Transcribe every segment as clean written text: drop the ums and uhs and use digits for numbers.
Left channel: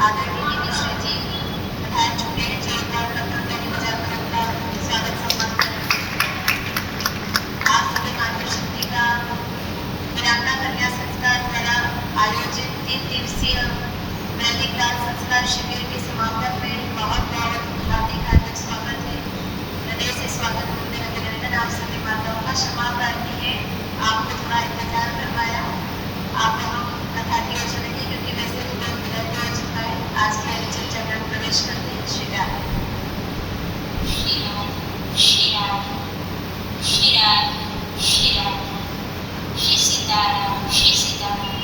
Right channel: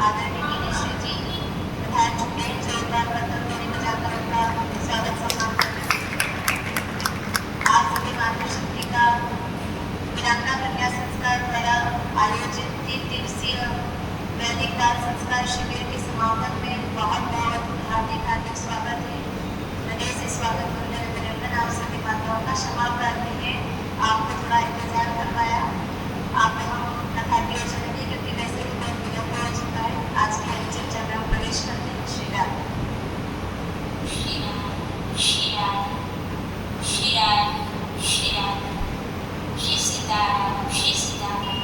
आदरणीय मिनिस्ट्री जी पधार चुके हैं। जोरदार पत्रध्वनि बजाकर उनका स्वागत सम्मान करें। आप सभी मातृशक्ति का वीरांगना कन्या संस्कार द्वारा आयोजित 3 दिवसीय वैदिक बाल संस्कार शिविर के समापन में बहुत हार्दिक स्वागत है। हृदय से स्वागत वंदन अभिनंदन। आप सभी माताओं का क्षमा प्रार्थी है, आपको थोड़ा इंतजार करवाया। आप हम कथा की ओर चलेंगे क्योंकि वैसे तो बहुत विलंब हो चुका है। आज की परिचर्चा में हम प्रवेश करते हैं। श्री राधे श्री राधे श्री राधे श्री राधे श्री राधे श्री सीताराम श्री सीताराम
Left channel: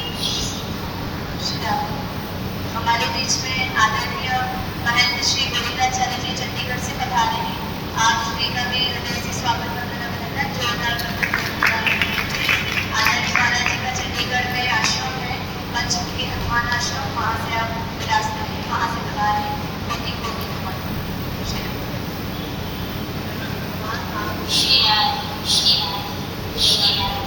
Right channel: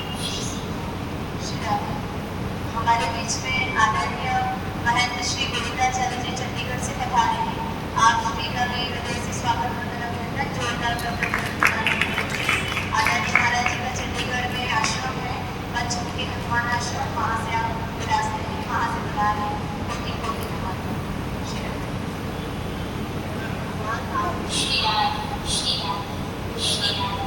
श्री राधे। हमारे बीच में आदरणीय महंत श्री गोविंदाचार्य जी चंडीगढ़ से पधारे हैं। आप श्री का भी हृदय से स्वागत वंदन अभिनंदन। जोरदार आदरणीय महाराज जी का चंडीगढ़ में आश्रम है, पंचमुखी हनुमान आश्रम, वहाँ से आप विरासते हैं, वहाँ से बता रहे हैं। कोटि कोटि नमन। श्री राधे श्री राधे श्री राधे।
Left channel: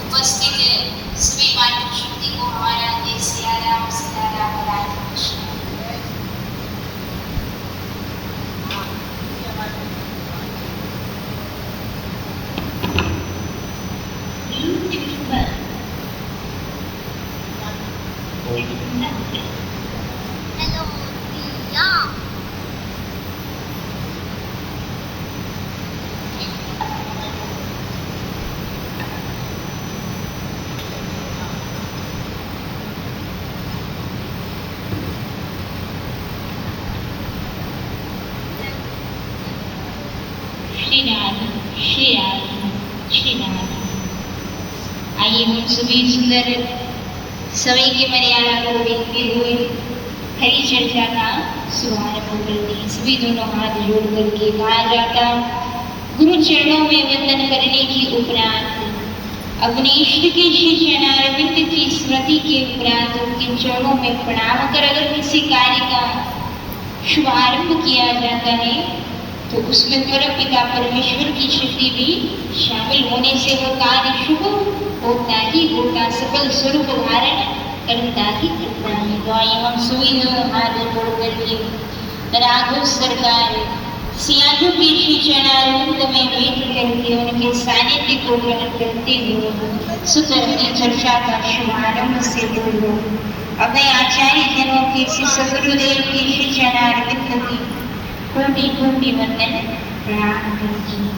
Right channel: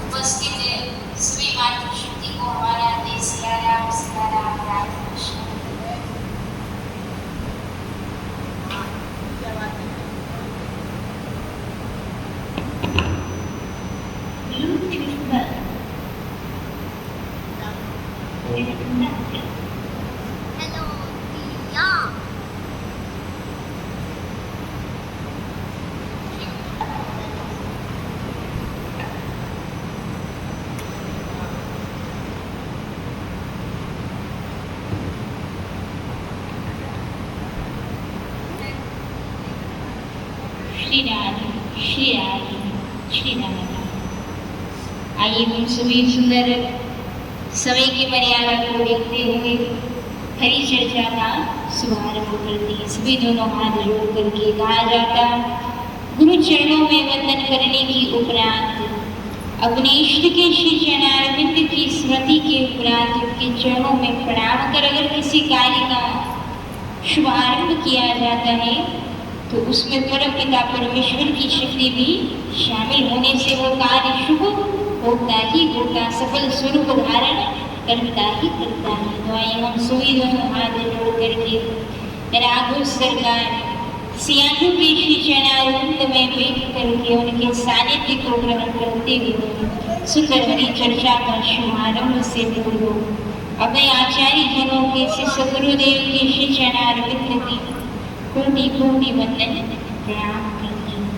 उपस्थित सभी मातृशक्ति को हमारा देश सियाराम सीताराम राधे कृष्ण। Hello, Dia. श्री राधे श्री राधे श्री राधे। आइए हम सभी सुंदर समय की मर्यादा को देखते हुए हरी चर्चा का शुभारंभ करते हैं। सभी दोनों हाथ जोड़ करके कहा जाता, गुरु चरणों में वंदन करने की उपरांत अपने इष्ट के श्री चरणारविंद की स्मृति के उपरांत उनके चरणों में प्रणाम कर अगर किसी कार्य का शुभारंभ किया जाता है तो उसमें परमपिता परमेश्वर की शक्ति भी शामिल होने से वो कार्य शुभ होता ही होता, सफल स्वरूप धारण करता ही करता है। तो आइए हम सभी हाथ जोड़ करके राघव सरकार सियानु के श्री चरणारविंद में बैठ करके उनके सानिध्य को ग्रहण करते हुए सुंदर हरी चर्चा का शुभारंभ से पूर्व अभय आचार्य जनों के श्री सदगुरुदेव के श्री चरणारविंद की कोटि कोटि वंदन प्रणाम करती हूँ।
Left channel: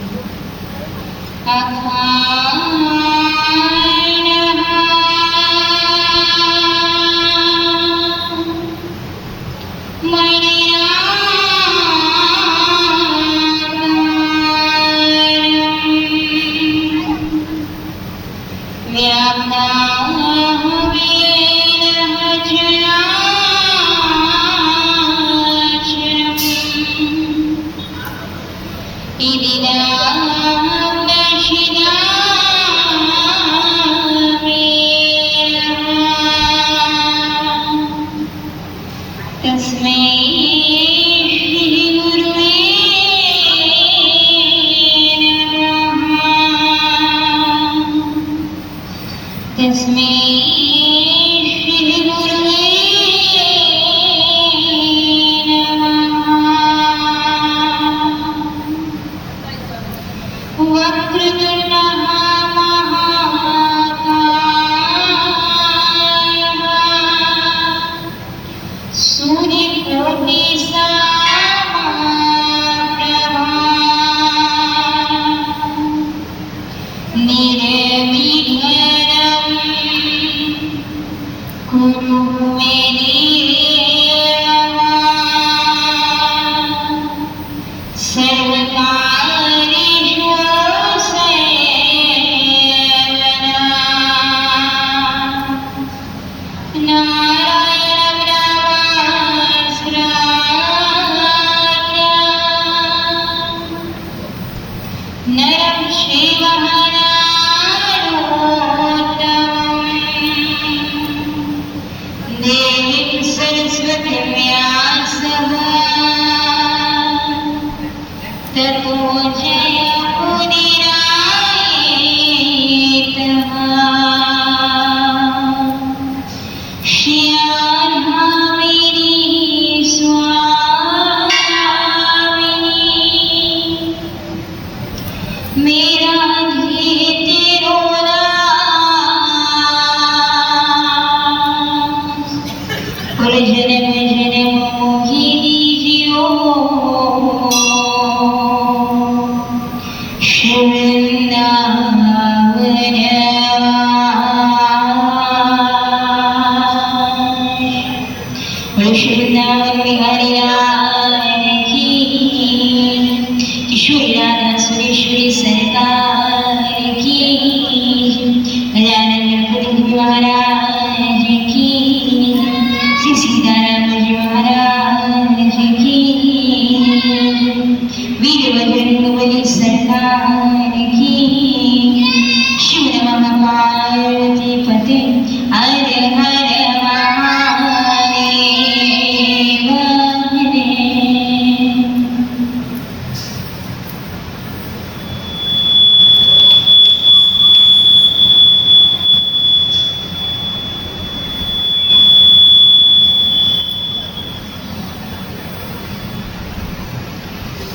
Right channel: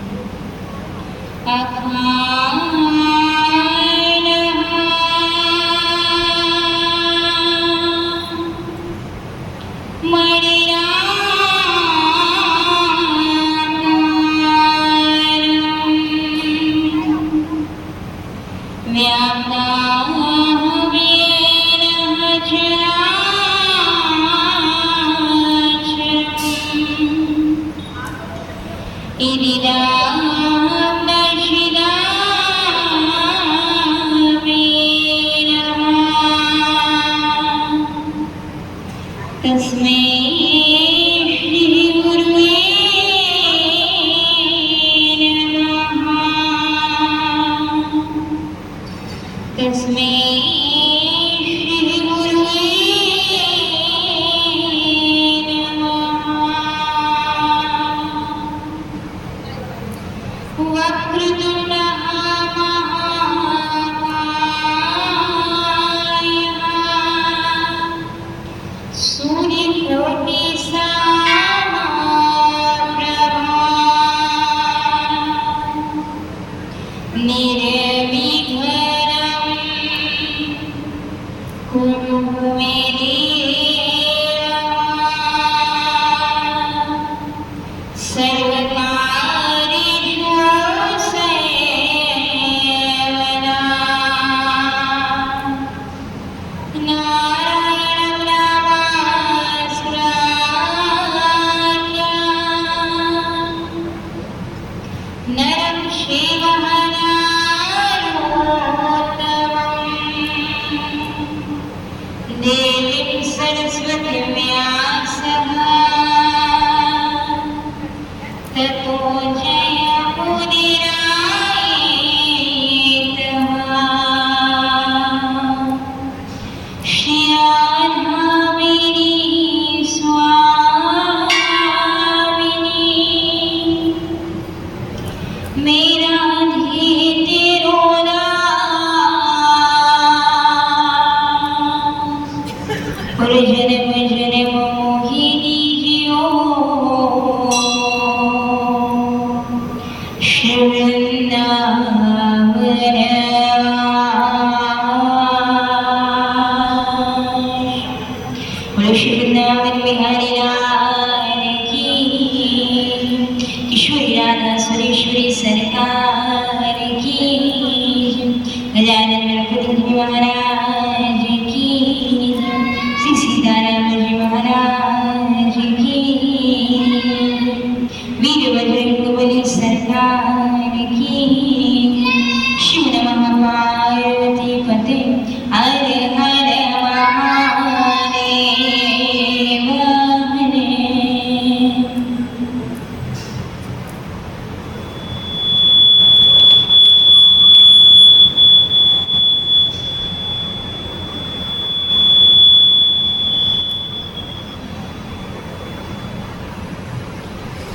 ततो जय मुनिराय मेरा धे तेरो और जन्म जन्म मोहि दीजियो वृंदावन वृंदावन बिहारी लाल की किशोरी राधा सुरेश्वरी सरकार की गजानन गणपति महाराज की श्री सीताराम जी महाराज की वीरभद्र बलि सरकार की शिव नमः पार्वती पते हर हर महादेव हरे।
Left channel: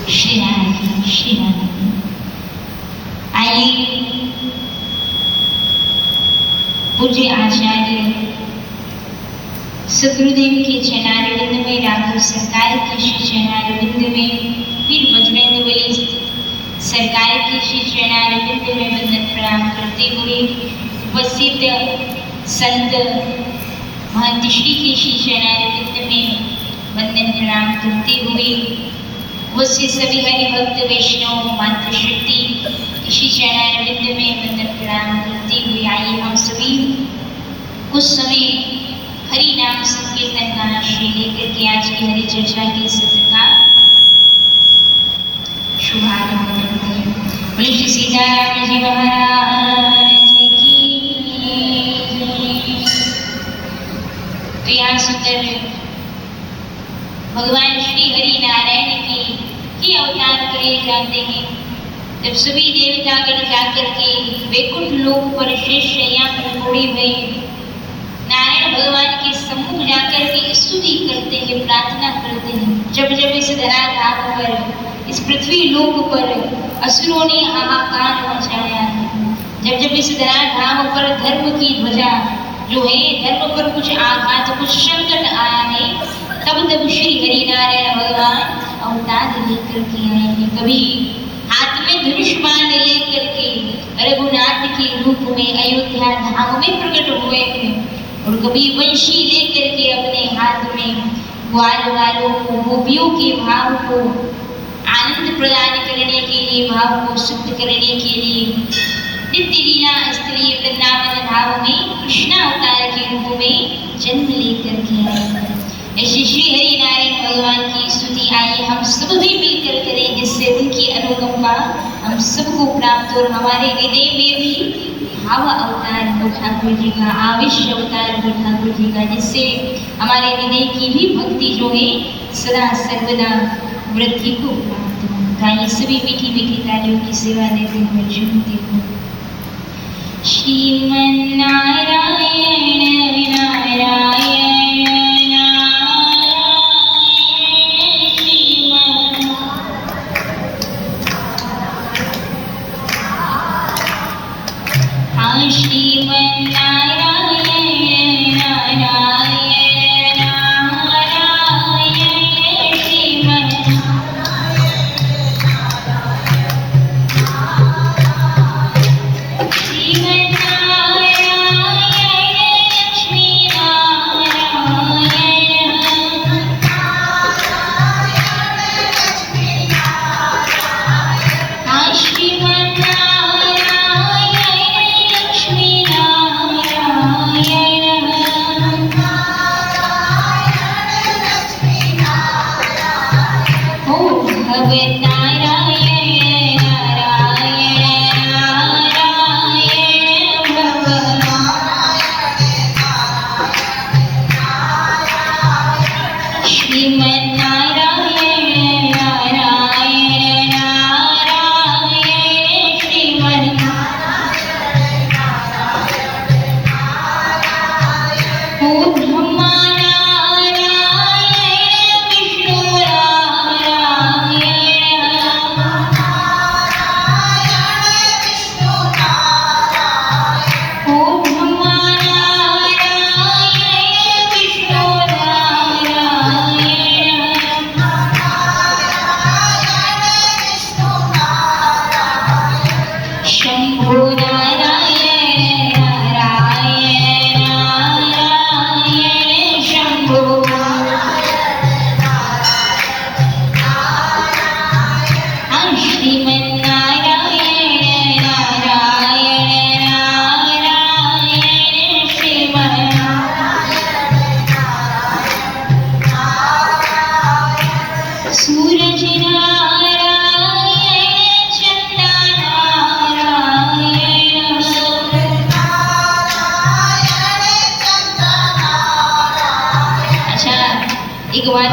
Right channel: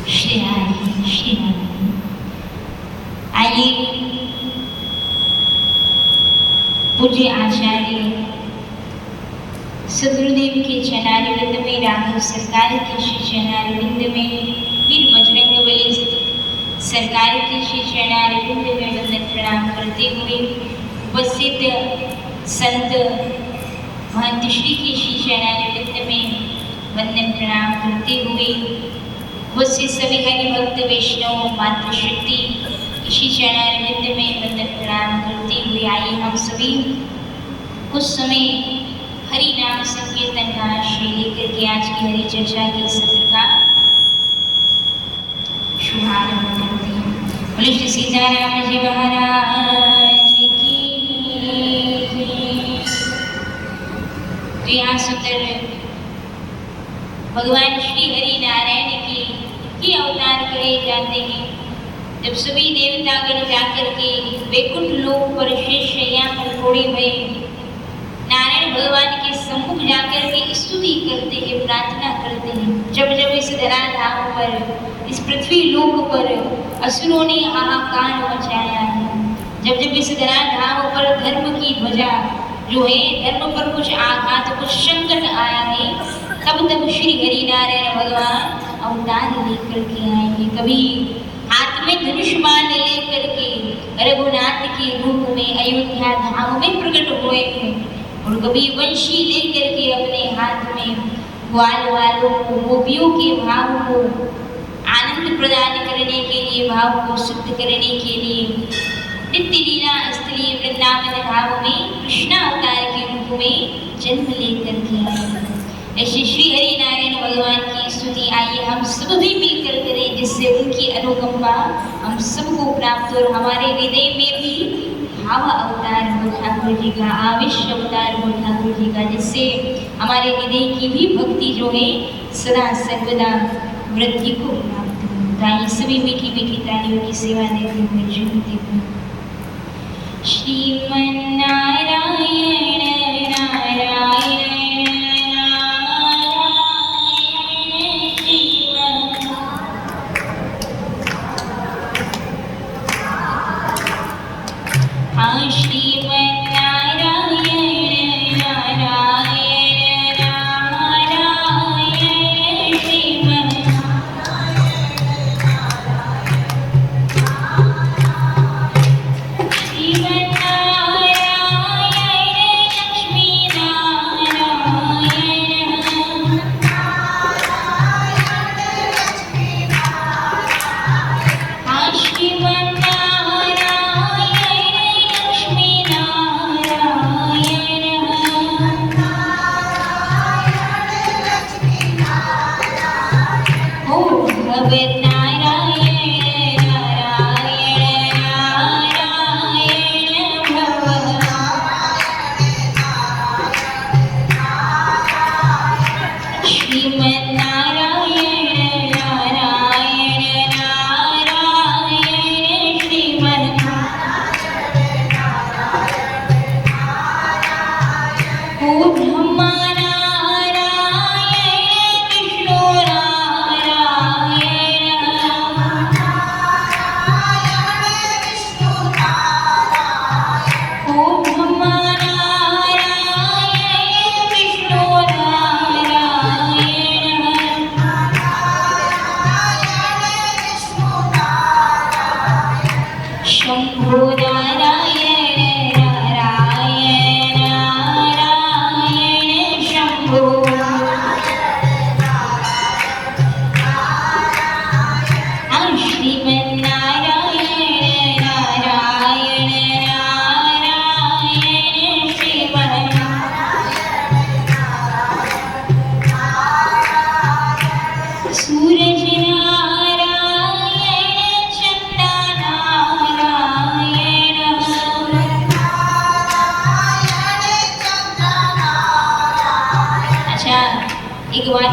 श्री राम आइए पूज्य आचार्य सदगुरुदेव के चरणारविंद में राघव सरकार के श्री चरणारविंद में वीर बजरंग बली सरकार के श्री चरणारविंद में वंदन प्रणाम करते हुए उपस्थित संत महंत श्री के श्री चरणारविंद में वंदन प्रणाम करते हुए उपस्थित सभी हरि भक्त वैष्णव मातृशक्ति श्री चरणारविंद में वंदन प्रणाम करते हुए आइए हम सभी कुछ समय हरि नाम संकीर्तन का श्री लेकर के आज की हरि चर्चा के सत्र का शुभारंभ करते हैं। बोले श्री सीताराम जी महाराज की। तो यहाँ सुंदर भगवान श्री हरि नारायण की अवतार करे जाते हैं। जब सभी देवतागण जाकर के वैकुंठ लोक पर शेष शैया पर घोड़े भये नारायण भगवान के सम्मुख जाकर के स्तुति करते हैं, प्रार्थना करते हैं। जब जब इस धराधाम पर इस पृथ्वी लोक पर असुरों ने हाहाकार मचाया है, जब जब इस धराधाम पर धर्म की ध्वजा जो है धर्म पर कुछ आघात कुछ संकट आया है, तब तब श्री हरि नारायण भगवान अवतार लेकर के आएंगे। कभी हाथ में धनुष बाण लेकर के रघुनाथ के रूप में अयोध्या धाम में प्रकट हुए हैं, और कभी वंशी लेकर के अपने हाथ में ग्वाल वालों को गोपियों के भाव को आनंद प्रदान करने के लिए भाव को शुद्ध करने के लिए नित्य लीला स्थली वृंदावन धाम में कृष्ण अवतार के रूप में जन्म लेकर के आए। ऐसे श्री हरि नारायण भगवान की स्तुति आइए हम सब भी मिलकर करें, जिससे उनकी अनुकंपा हम सबको प्राप्त और हमारे हृदय में भी भाव अवतार हो ठाकुर जी का, आवेश अवतार हो ठाकुर जी का, जिससे हमारे हृदय की भी भक्ति जो है सदा सर्वदा वृद्धि को प्राप्त हो। गाइए सभी मीठी मीठी तालियों की सेवा देते हुए झूमते हुए श्रीमन्नारायण नारायण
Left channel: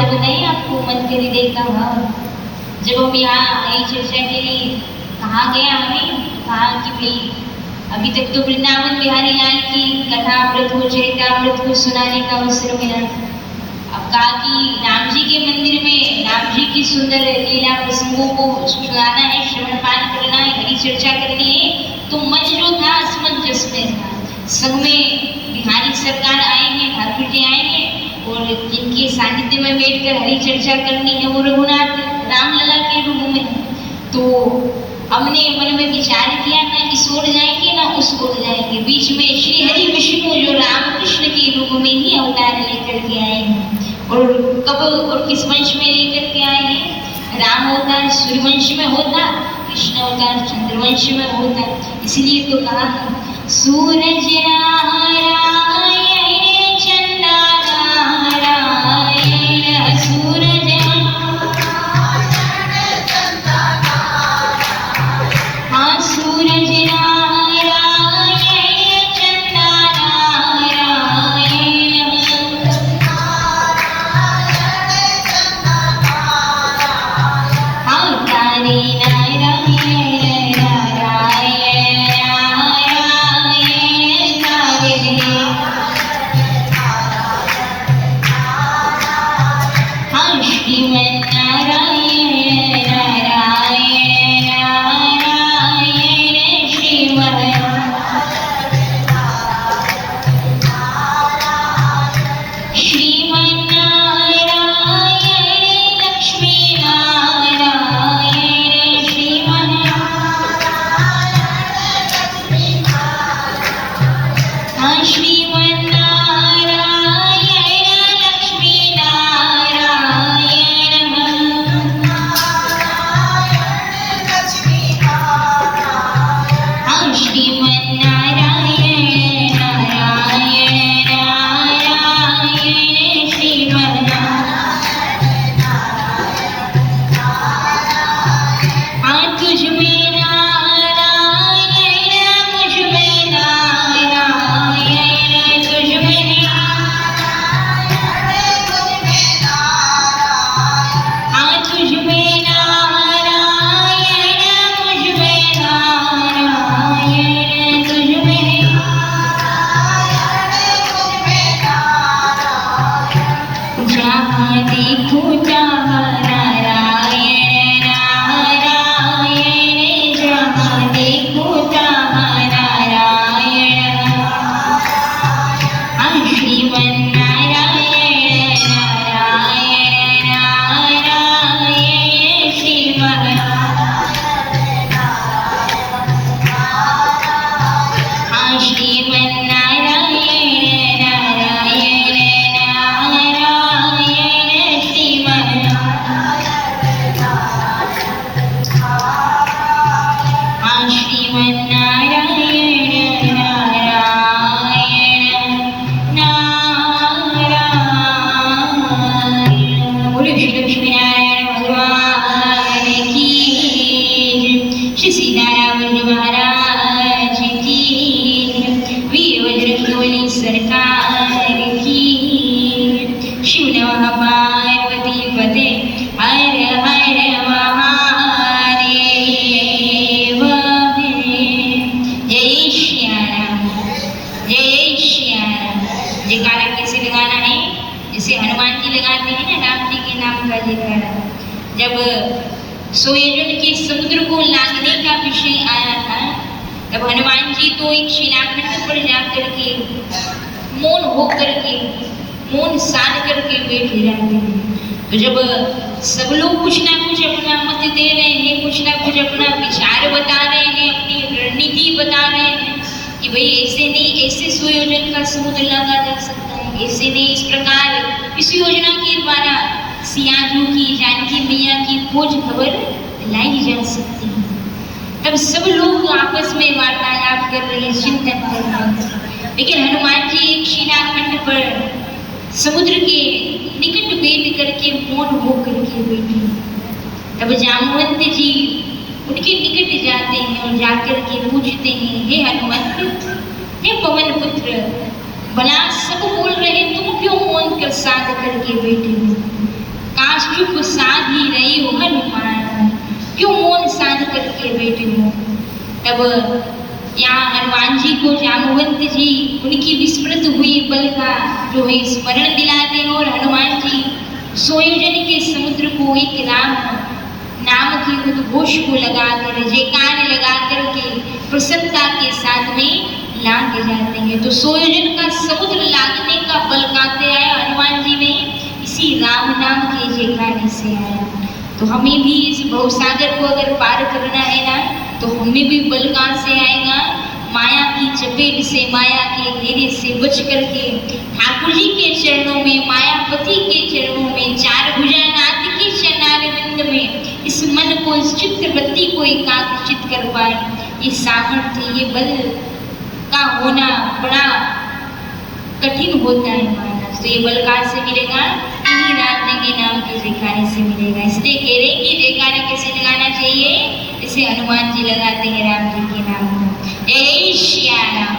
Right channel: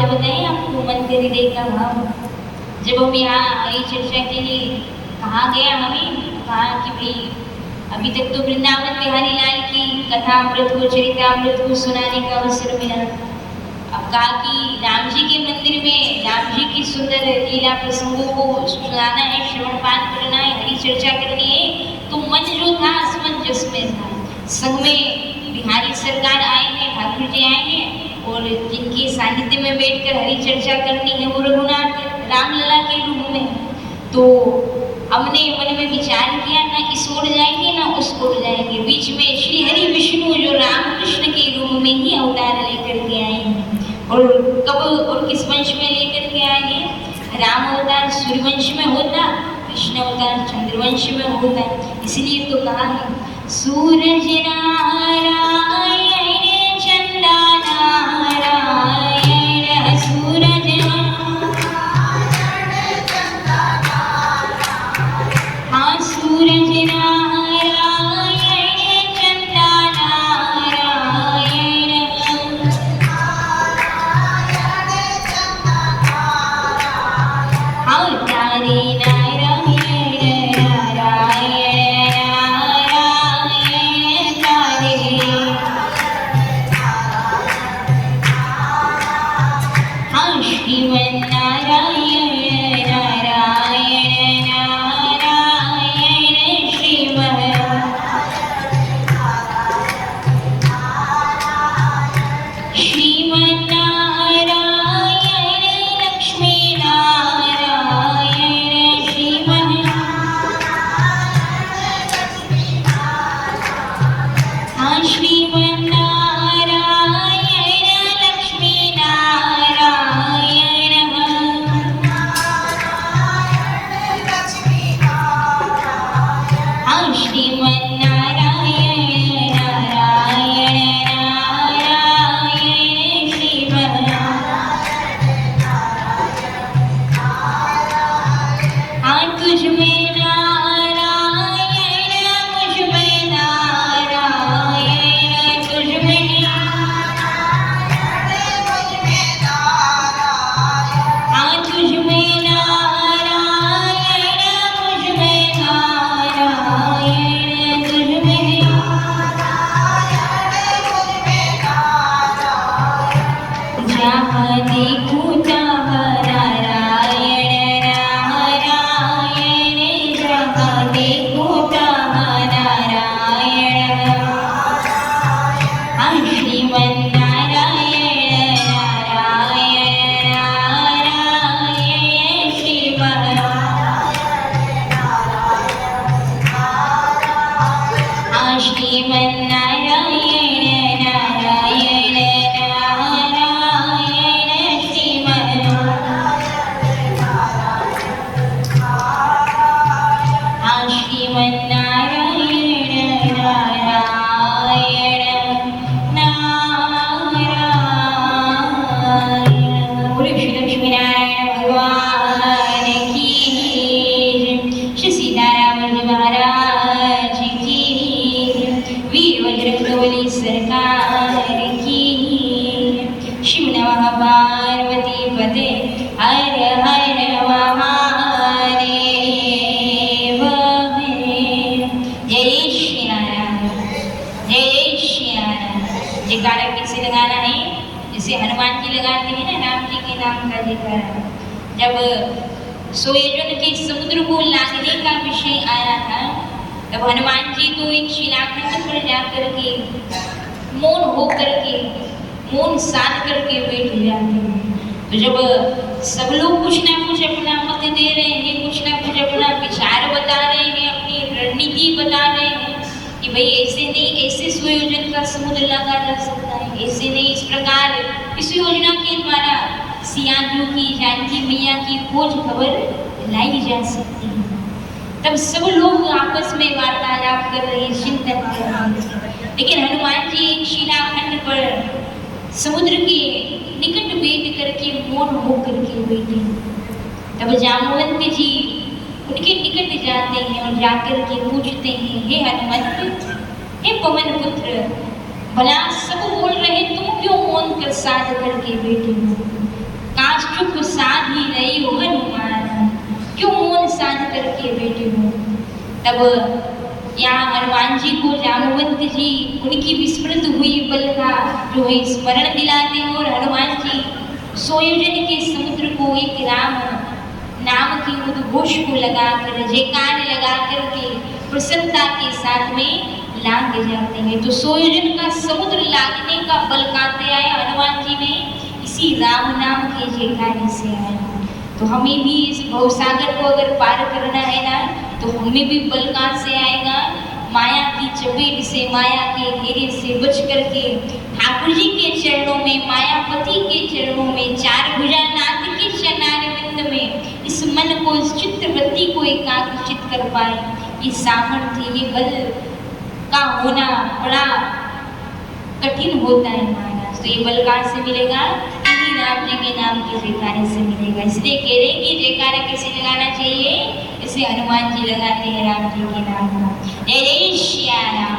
भाव बताएं आपको, मन के हृदय का भाव। जब हम यहाँ ये चर्चा के लिए कहाँ गया हमें, कहा कि भाई अभी तक तो वृंदावन बिहारी लाल की कथा अमृत को, चरितामृत को सुनाने का अवसर मिला। अब कहा कि राम जी के मंदिर में राम जी की सुंदर लीला प्रसंगों को सुनाना है, श्रवणपान करना है, हरी चर्चा करनी है। तो मन जो था असमंजस में था। संग में बिहारी सरकार आए हैं, ठाकुर जी आए हैं, और जिनके सानिध्य में बैठकर हरी चर्चा करनी है वो रघुनाथ रामलला के रूप में। तो हमने मन में विचार किया, ना इस ओर जाएंगे ना उस ओर जाएंगे, बीच में श्री हरि विष्णु जो रामकृष्ण के रूप में ही अवतार लेकर के आए हैं। और कब और किस वंश में लेकर के आए हैं? राम अवतार सूर्यवंश में होता, कृष्ण अवतार चंद्रवंश में होता। इसलिए तो कहा है सूरज नारायण चंदा नारायण, सूरज सूरज नारायण चंदा नारायण, तारे नारायण नारायण नारायण तारे, श्रीमन नारायण नारायण नारायण श्रीमन, श्रीमन नारायण लक्ष्मी नारायण श्रीमन, श्रीमन नारायण लक्ष्मी नारायण, श्रीमन नारायण नारायण नारायण श्रीमन, तुझ में नारायण मुझ में नारायण, तुझ में तुझ में नारायण मुझ में नारायण, तुझ में जहाँ देखूं तहाँ नारायण नारायण, जहाँ देखूं तहाँ नारायण, श्रीमन नारायण नारायण नारायण श्रीमन, श्रीमन नारायण नारायण नारायण श्रीमन, श्रीमन नारायण नारायण नारायण। बोलो श्री लक्ष्मी नारायण भगवान की, श्री सीताराम जी महाराज की, वीर वज्रकवली सरकार की, शिव नमः पार्वती पते हर हर महादेव। जय श्री राम, जय श्री राम। जयकारा कैसे लगाना है? जैसे हनुमान जी लगाते हैं ना राम जी के नाम का जयकारा। जब सोयजन के समुद्र को लांघने का विषय आया था, तब हनुमान जी तो एक शिलाखंड पर जाकर के मौन होकर के, मौन साध करके बैठ जाते हैं। तो जब सब लोग कुछ ना कुछ अपना मत दे रहे हैं, कुछ ना कुछ अपना विचार बता रहे हैं, अपनी रणनीति बता रहे हैं कि भाई ऐसे नहीं, ऐसे सुयोजन का समुद्र लगा जा सकता है, ऐसे नहीं, इस प्रकार इस योजना के द्वारा सियाजू की, जानकी मैया की खोज खबर लाई जा सकती है। तब सब लोग आपस में वार्तालाप कर रहे हैं, चिंतन कर रहे हैं। लेकिन हनुमान जी एक शिलाखंड पर समुद्र के निकट बैठ करके मौन होकर के बैठे। तब जामवंत जी उनके निकट जाते हैं और जाकर के पूछते हैं, हे हनुमंत, हे पवन पुत्र, भला सब बोल रहे, तुम क्यों मौन कर साध करके बैठे हो? काश चुप साध ही रही हो हनुमान, क्यों मौन साध करके बैठे हो। तब यहाँ हनुमान जी को जामवंत जी उनकी विस्मृत हुई बल का जो है स्मरण दिलाते हैं, और हनुमान जी सोयोजन के समुद्र को एक राम नाम के उद्घोष को लगाकर, जयकार लगाकर के प्रसन्नता के साथ में लांग जाते हैं। तो सोयोजन का समुद्र लागने का बल कहते आया हनुमान जी में इसी राम नाम के जयकार से आया। तो हमें भी इस भवसागर को अगर पार करना है ना, तो हमें भी बल कहाँ से आएगा, माया की चपेट से, माया के घेरे से बच करके ठाकुर जी के चरणों में, मायापति के चरणों में, चार भुजानाथ के चरणारविंद में इस मन को, इस चित्तवृत्ति को एकाग्रचित कर पाए। ये सामर्थ्य, ये बल का होना बड़ा कठिन होता है महाराज। तो ये बल कहाँ से मिलेगा, इन्हीं राम जी के नाम के जयकारे से मिलेगा। इसलिए कह रहे कि जयकारा कैसे लगाना चाहिए, इसे हनुमान जी लगाते हैं राम जी के नाम को। जय जय श्या राम,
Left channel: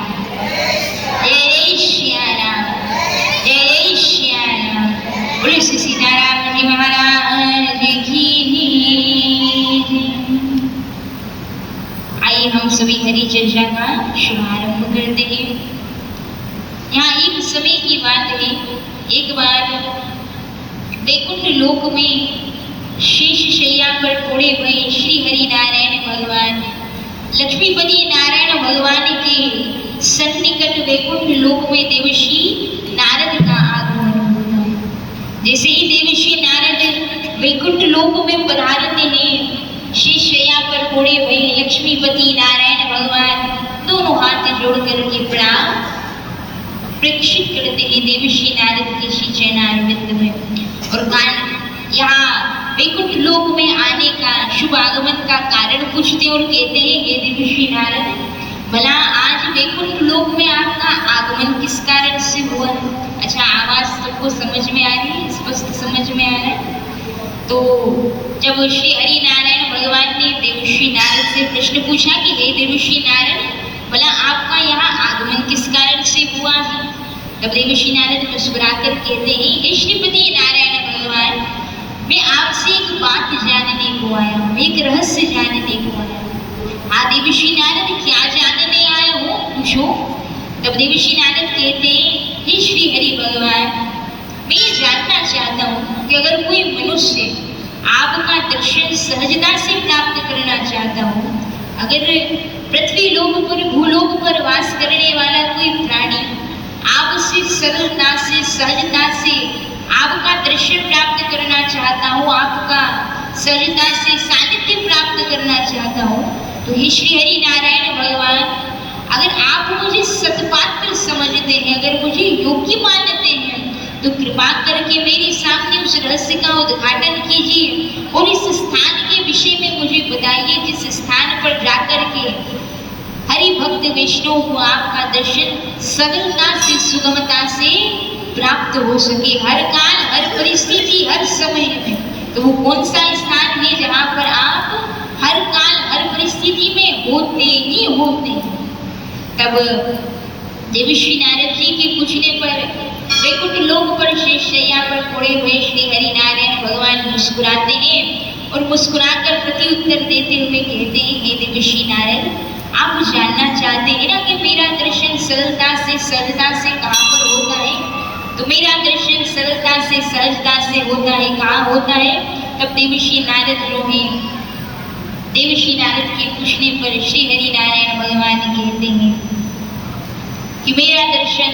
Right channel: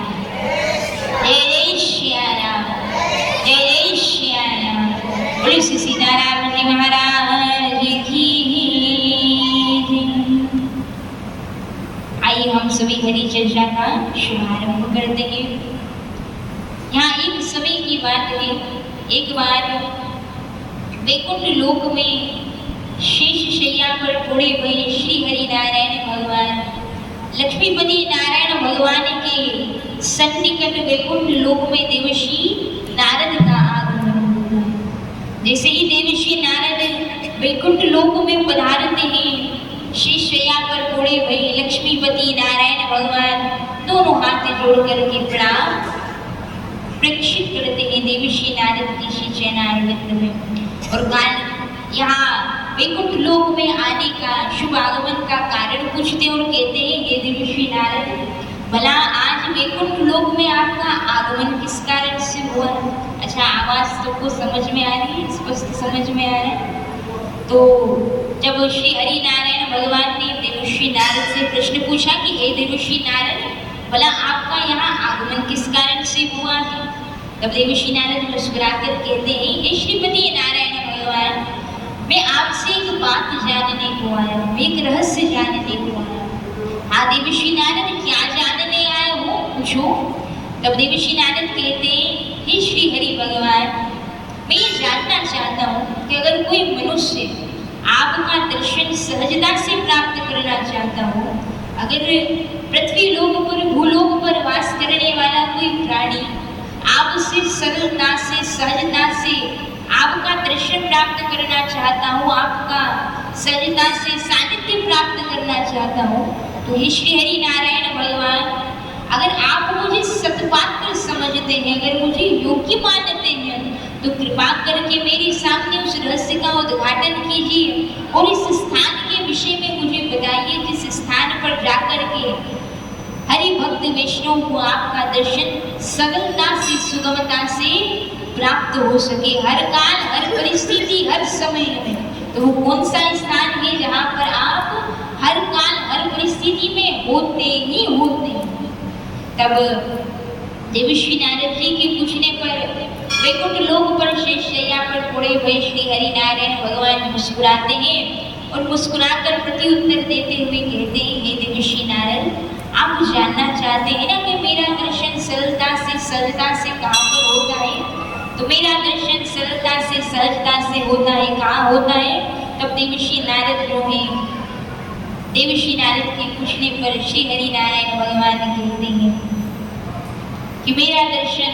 जय जय श्या राम, जय जय श्या राम। बोलो श्री सीताराम जी महाराज की। आइए हम सभी हरि चर्चा का शुभारंभ करते हैं। यहाँ एक समय की बात है, एक बार वैकुंठ लोक में शेष शैया पर पड़े हुए श्री हरि नारायण भगवान, लक्ष्मीपति नारायण भगवान के सन्निकट वैकुंठ लोक में देवर्षि नारद का आगमन होता है। जैसे ही देवर्षि नारद वैकुंठ लोक में पधारते हैं, शेष शैया पर पड़े हुए लक्ष्मीपति नारायण भगवान दोनों हाथ जोड़ करके प्रणाम प्रेक्षित करते हैं देवर्षि नारद के श्री चरणारविंद में। और यहाँ वैकुंठ लोक में आने का, शुभ आगमन का कारण पूछते और कहते हैं, ये देवर्षि नारद, भला आज वैकुंठ लोक में आपका आगमन किस कारण से हुआ। अच्छा, आवाज सबको समझ में आ रही है, स्पष्ट समझ में आ रहा है। तो जब श्री हरि नारायण भगवान ने देवर्षि नारद से प्रश्न पूछा कि हे देवर्षि नारद, भला आपका यहाँ आगमन किस कारण से हुआ है, तब देवर्षि नारद मुस्कुराकर कहते हैं, हे श्रीपति नारायण भगवान, मैं आपसे एक बात जानने को आया हूँ, एक रहस्य जानने को आया हूँ। हाँ देवर्षि नारद, क्या जानने आए हो, पूछो। तब देवर्षि नारद कहते हैं, हे श्री हरि भगवान, मैं ये जानना चाहता हूँ कि अगर कोई मनुष्य आपका दर्शन सहजता से प्राप्त करना चाहता हो, अगर पृथ्वी लोक पर, भूलोक पर वास करने वाला कोई प्राणी आपसे सरलता से, सहजता से आपका दर्शन प्राप्त करना चाहता हो, आपका सहजता से सानिध्य प्राप्त करना चाहता हो, तो हे श्री हरि नारायण भगवान, अगर आप मुझे सत्पात्र समझते हैं, अगर मुझे योग्य मानते हैं, तो कृपा करके मेरे सामने उस रहस्य का उद्घाटन कीजिए और इस स्थान के विषय में मुझे बताइए, जिस स्थान पर जाकर के हरि भक्त वैष्णव को आपका दर्शन सरलता से, सुगमता से प्राप्त हो सके, हर काल, हर परिस्थिति, हर समय में। तो वो कौन सा स्थान है जहाँ पर आप हर काल, हर परिस्थिति में होते ही होते हैं। तब देवर्षि नारद जी के पूछने पर वैकुंठ लोक पर शेष शैया पर पड़े हुए श्री हरि नारायण भगवान मुस्कुराते हैं और मुस्कुराकर प्रति उत्तर देते हुए कहते हैं, हे देवर्षि नारद, आप जानना चाहते हैं ना कि मेरा दर्शन सरलता से, सहजता से कहाँ पर होता है। तो मेरा दर्शन सरलता से, सहजता से होता है, कहाँ होता है। तब देवर्षि नारद जो है, देवर्षि नारद के पूछने पर श्री हरि नारायण भगवान कहते हैं कि मेरा दर्शन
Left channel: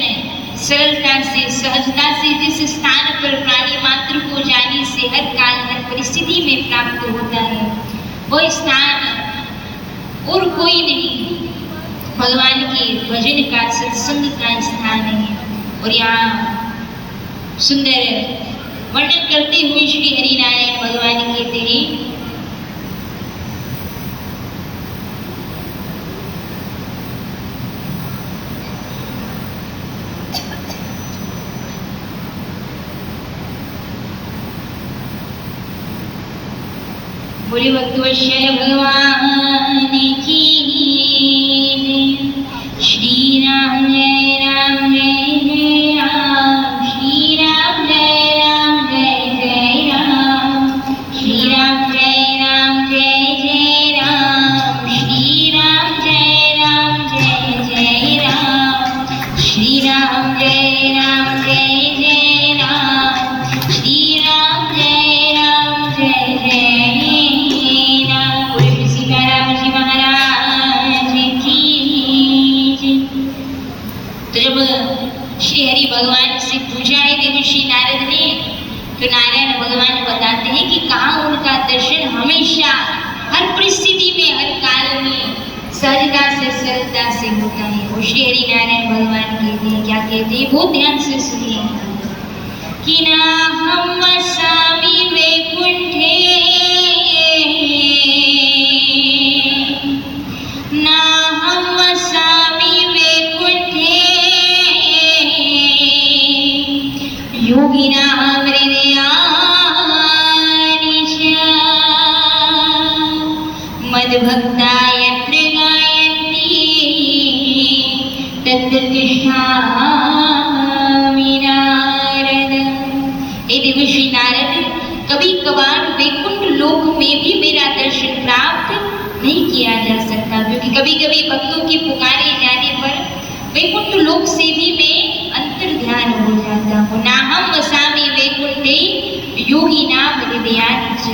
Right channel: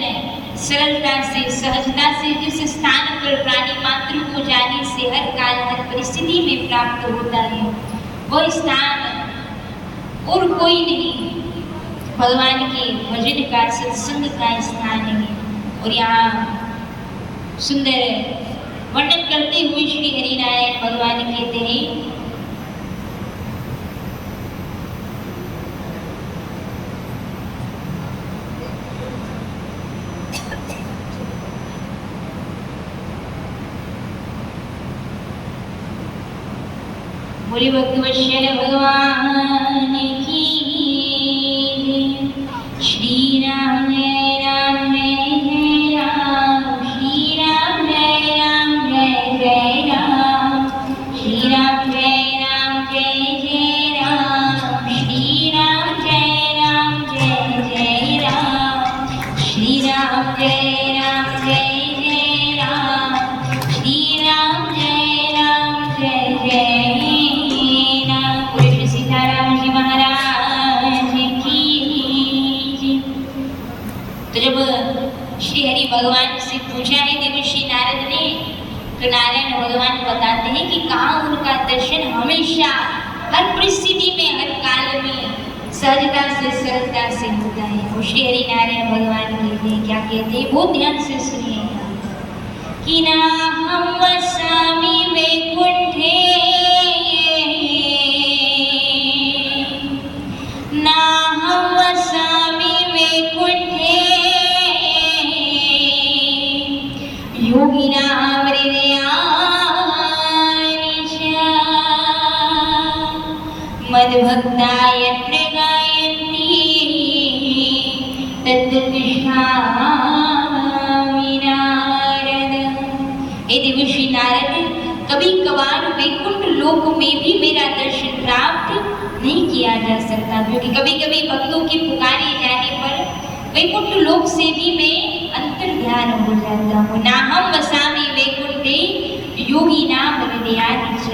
सरलता से, सहजता से जिस स्थान पर प्राणी मात्र को जाने से हर काल, हर परिस्थिति में प्राप्त होता है, वह स्थान और कोई नहीं, भगवान के भजन का, सत्संग का स्थान है। और यहाँ सुंदर वर्णन करते हुए श्री हरि नारायण भगवान कहते हैं, बोले भक्तवत्सल भगवान की श्री राम जय राम जय जय राम, श्री राम जय राम जय जय राम। सहजता से सरलता से होता है। और श्री हरि नारायण भगवान कहते हैं, क्या कहते हैं, बहुत ध्यान से सुनिए कि नाहं वसामि वैकुंठे नाहं वसामि वैकुंठे योगिनां हृदयानि च मद्भक्ता यत्र गायन्ति तत्र तिष्ठामि नारद। हे देवर्षि नारद, कभी कभार वैकुंठ लोक में भी मेरा दर्शन प्राप्त नहीं किया जा सकता, क्योंकि कभी कभी भक्तों की पुकारे जाने पर वैकुंठ लोक से भी मैं अंतर ध्यान हो जाता हूँ। नाहं वसामि वैकुंठे योगिनां हृदयानि च।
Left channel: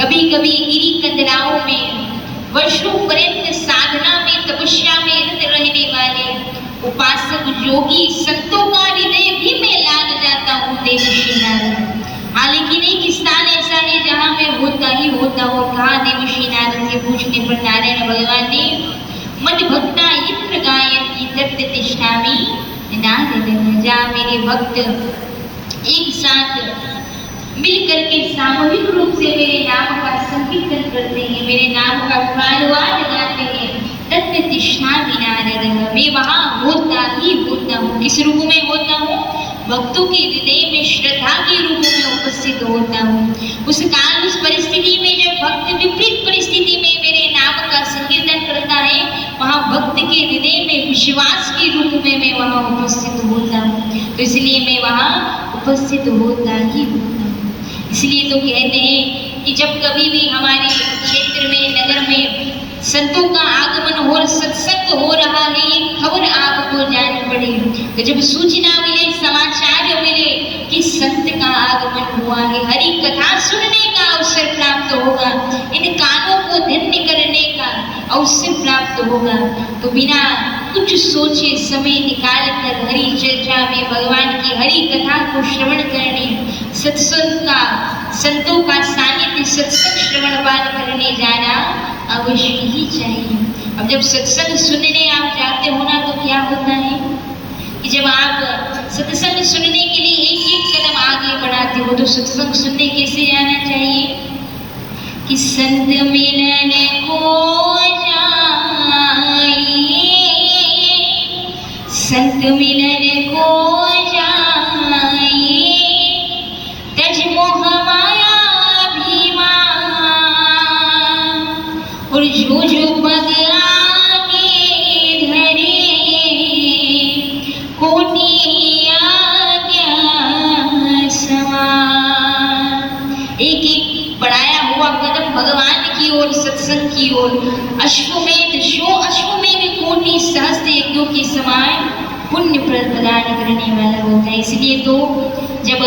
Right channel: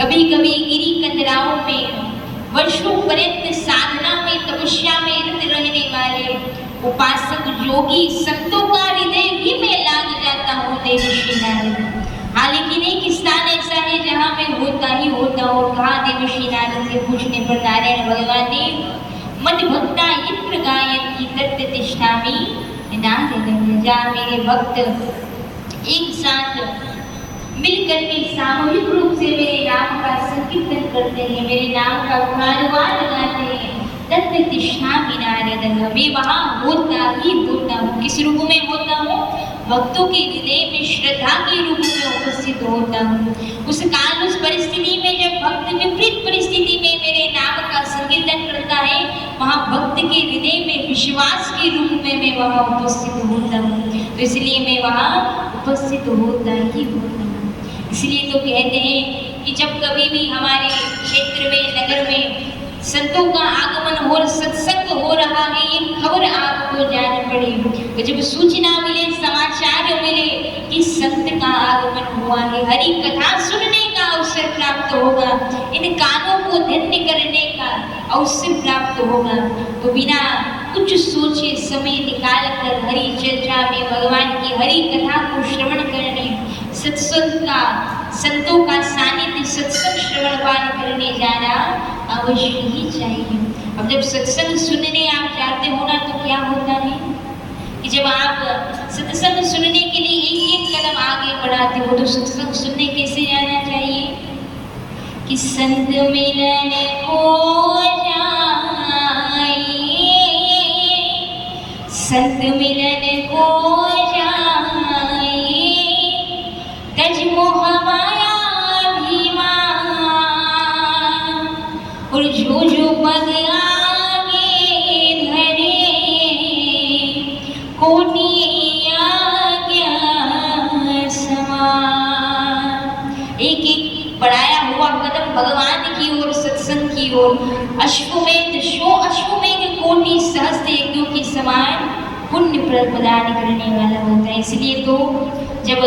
कभी कभी गिरी कंदराओं में वर्षों पर्यंत साधना में तपस्या में रत रहने वाले उपासक योगी संतों का हृदय भी मैं लाग जाता हूँ देवर्षि नारद। हाँ, लेकिन एक स्थान ऐसा है जहाँ मैं होता ही होता हूँ। कहा देवर्षि नारद के पूछने पर नारायण भगवान ने मद्भक्ता यत्र गायन्ति तत्र तिष्ठामि नारद। जहाँ मेरे भक्त एक साथ मिलकर के सामूहिक रूप से मेरे नाम का संकीर्तन करते हैं, मेरे नाम का गुणानुवाद गाते हैं, तत्र तिष्ठामि नारद। मैं वहाँ होता ही होता हूँ। किस रूप में होता हूँ? भक्तों के हृदय में श्रद्धा के रूप में उपस्थित होता हूँ। उस काल, उस परिस्थिति में जब भक्त विपरीत परिस्थिति में मेरे नाम का संकीर्तन करता है, वहाँ भक्त के हृदय में विश्वास के रूप में मैं वहाँ उपस्थित होता हूँ। तो इसलिए मैं वहाँ उपस्थित होता ही होता हूँ। इसलिए तो कहते हैं कि जब कभी भी हमारे क्षेत्र में, नगर में संतों का आगमन हो, सत्संग हो रहा है, ये खबर आपको जान पड़े, तो जब सूचना मिले, समाचार मिले कि संत का आगमन हुआ है, हरि कथा सुनने का अवसर प्राप्त होगा, इन कानों को धन्य करने का अवसर प्राप्त होगा, तो बिना कुछ सोचे समय निकाल कर हरि चर्चा में भगवान की हरि कथा को श्रवण करने, सत्संग का, संतों का सानिध्य, सत्संग श्रवण पाठ करने जाना अवश्य ही चाहिए। अब जब सत्संग सुनने आप जाते हो ना, तो क्या होता है कि जब आप सत्संग सुनने के लिए एक एक कदम आगे बढ़ाते हो, तो सत्संग सुनने कैसे जाना चाहिए कि संत मिलन को जाइए, संत मिलन को जाइए, तज मोह माया अभिमान, और जो जो पग आगे धरे कोटि आज्ञा समान। एक एक बढ़ाया हुआ कदम भगवान की ओर, सत्संग की ओर, अश्वमेध कोटि सहस्त्र यज्ञों के समान पुण्य प्रदान करने वाला होता है। इसलिए तो जब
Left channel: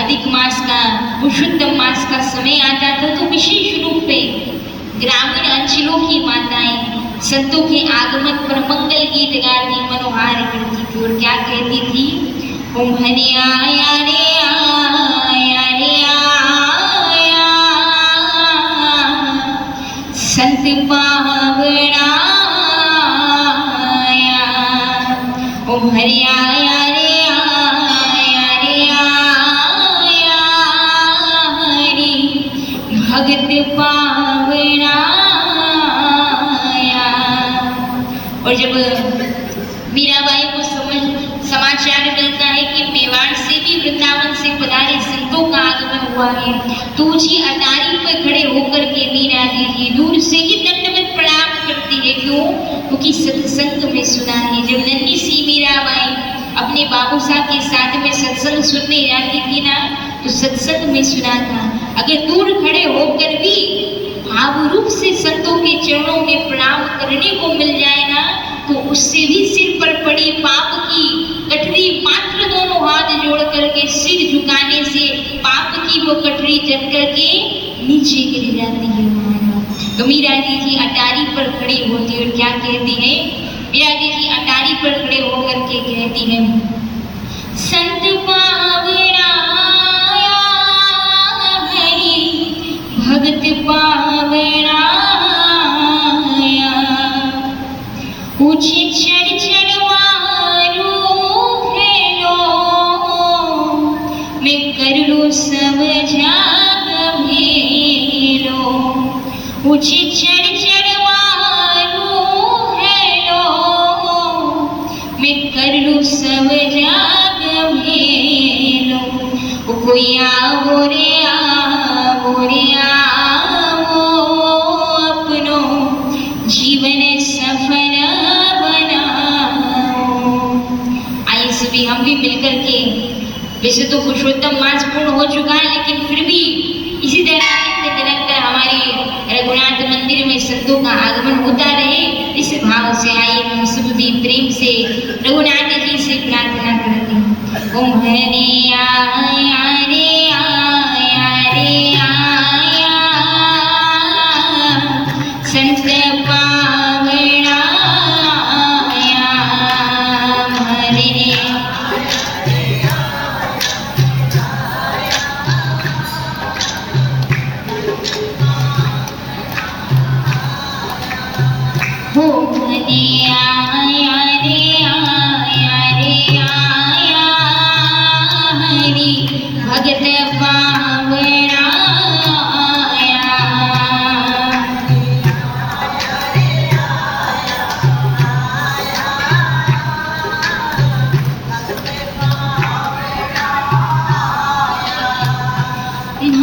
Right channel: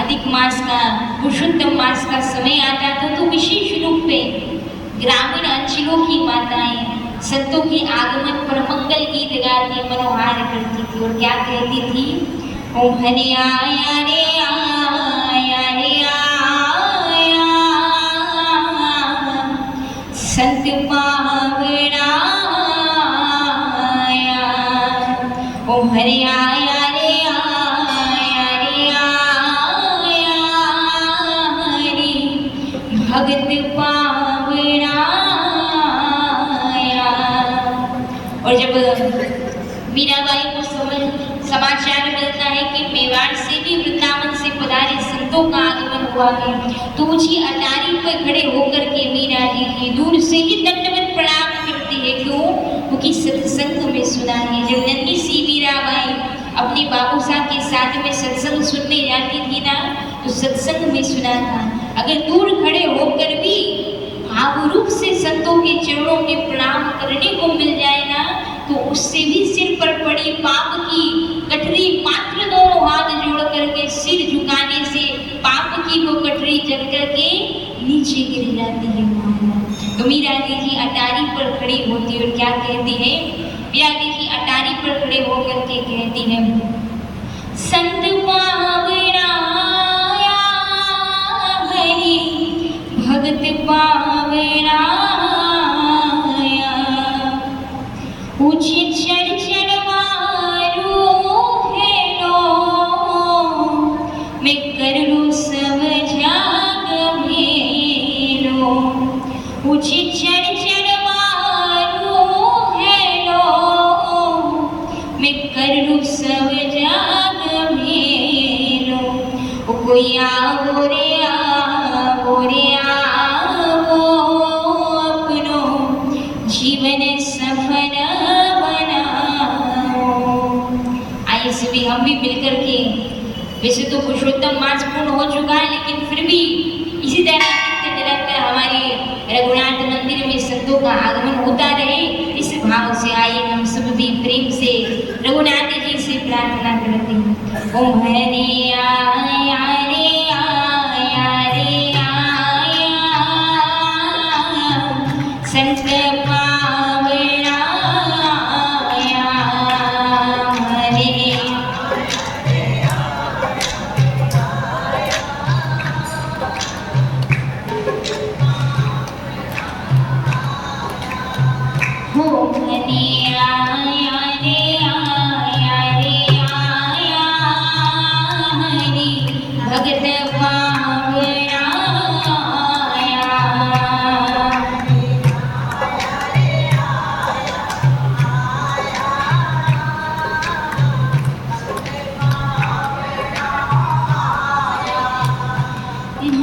अधिक मास का, पुरुषोत्तम मास का समय आता था, तो विशेष रूप में ग्रामीण अंचलों की माताएं संतों के आगमन पर मंगल गीत गाती, मनोहार करती थी, और क्या कहती थी, ओम हरि आया रे आया रे आया, संत पावना आया, ओम हरि आया रे आया रे आया, हरि भगत पावना आया। और जब मीराबाई को समाचार मिलता है कि मेवाड़ से भी वृंदावन से पधारे संतों का आगमन हुआ है, तो ऊंची अटारी पर खड़े होकर के मीरा जी दूर से ही दंडवत प्रणाम करती है। क्यों? क्योंकि सत्संग में सुना है। जब नन्ही सी मीराबाई अपने बाबू साहब के साथ में सत्संग सुनने जाती थी ना, तो सत्संग में सुना था। अगर दूर खड़े होकर भी भाव रूप से संतों के चरणों में प्रणाम करने को मिल जाए ना, तो उससे भी सिर पर पड़ी पाप की कटरी मात्र दोनों हाथ जोड़ करके सिर झुकाने से पाप की वो कटरी जल करके नीचे गिर जाती है। तो मीरा जी अटारी पर खड़ी होती है और क्या कहती है? मीरा जी अटारी पर खड़े होकर के कहती है, संत पावना हरि भगत पावना, ऊंची चढ़ चढ़ मारू हेलो मैं कर लूं सब जाग भेलो ऊंची चढ़ चढ़ मारू हेलो मैं कर लूं सब जाग भेलो कोई आवो रे आवो अपनो जीवन सफल बनाओ। आइए सभी हम भी मिलकर के, वैसे तो पुरुषोत्तम मास पूर्ण हो चुका है लेकिन फिर भी इसी तरह नित्य निरंतर हमारे रघुनाथ मंदिर में संतों का आगमन होता रहे, इस भाव से आइए हम सब भी प्रेम से रघुनाथ जी से प्रार्थना करते हैं। ओम हरे आया रे आया रे आया संत पावना आया हरे हो हरे आया रे आया रे आया हरि भगत पावना आया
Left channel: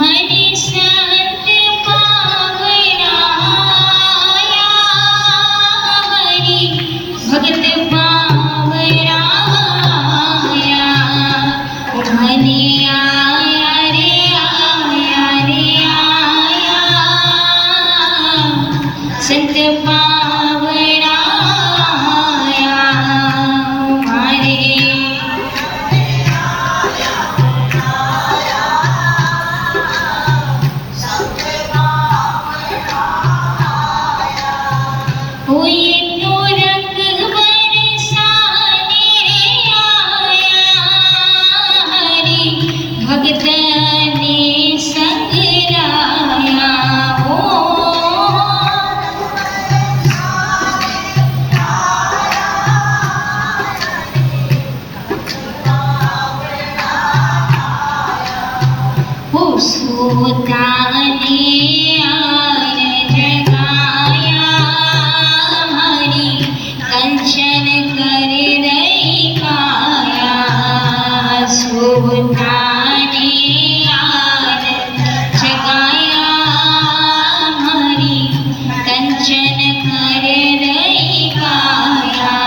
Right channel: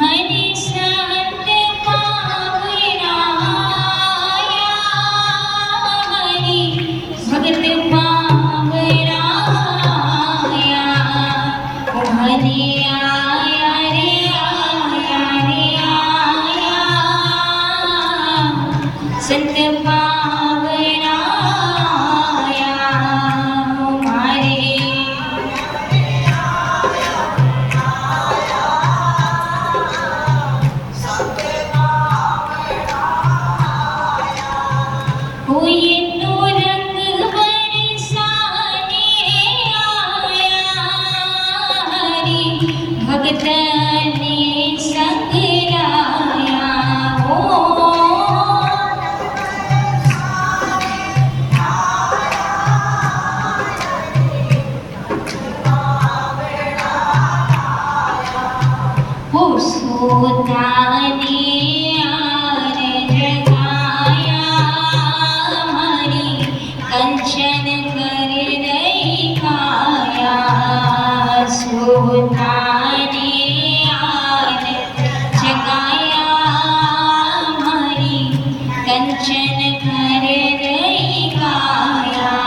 हरि संत पावना आया हरि भगत पावना आया हरि आया रे आया संत पावना आया हमारे हुई तो रंग बरसाने आया हरि भगत ने संग लाया हो सोता ने आन जगाया हरि कंचन कर रही काया सोता ने आन जगाया हरि कंचन कर रही काया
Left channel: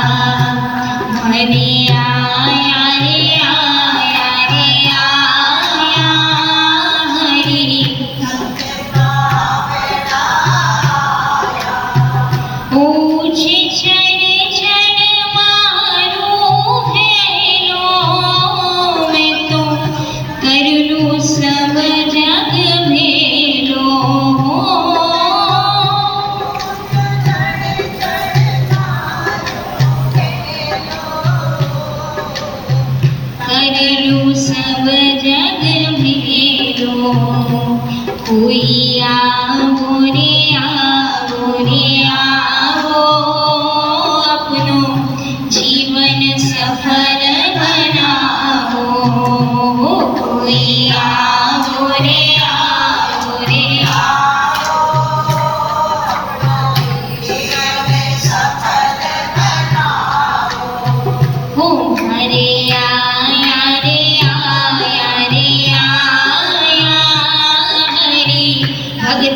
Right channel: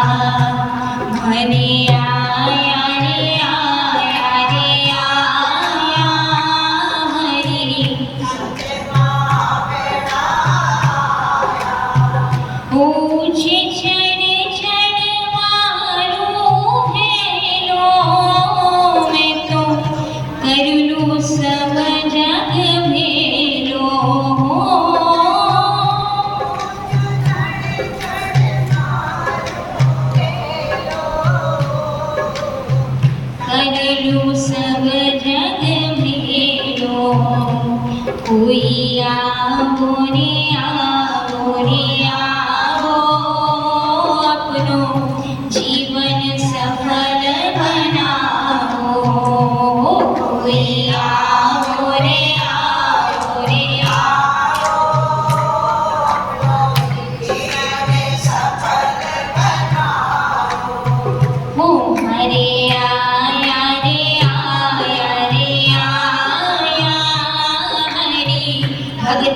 हरि आया रे आया रे आया हरि ऊंचे चढ़ चढ़ मारू हेलो मैं तो कर लूं सब जग भेलो कर लूं सब जग भेलो कोई आवो रे आवो अपनो जीवन सफल बनाओ कोई आवो रे आवो हो हरे आया रे आया रे आया हरि भगत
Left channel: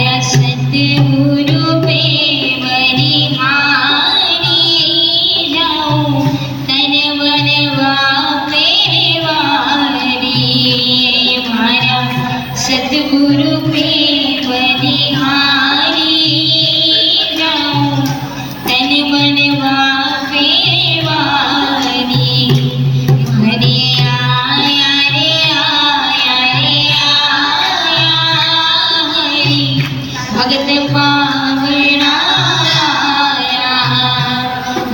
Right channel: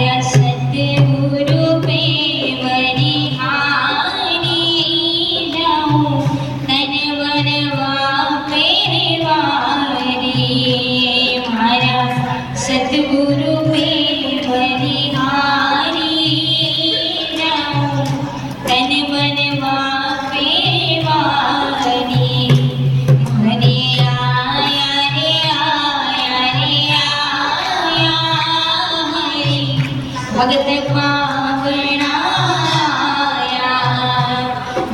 मारा सतगुरु पे बलिहारी जाऊं तन मन वापे वारी मारा सतगुरु पे बलिहारी जाऊं तन मन वापे वारी हरे आया रे आया रे आया हरि भगत पावना आया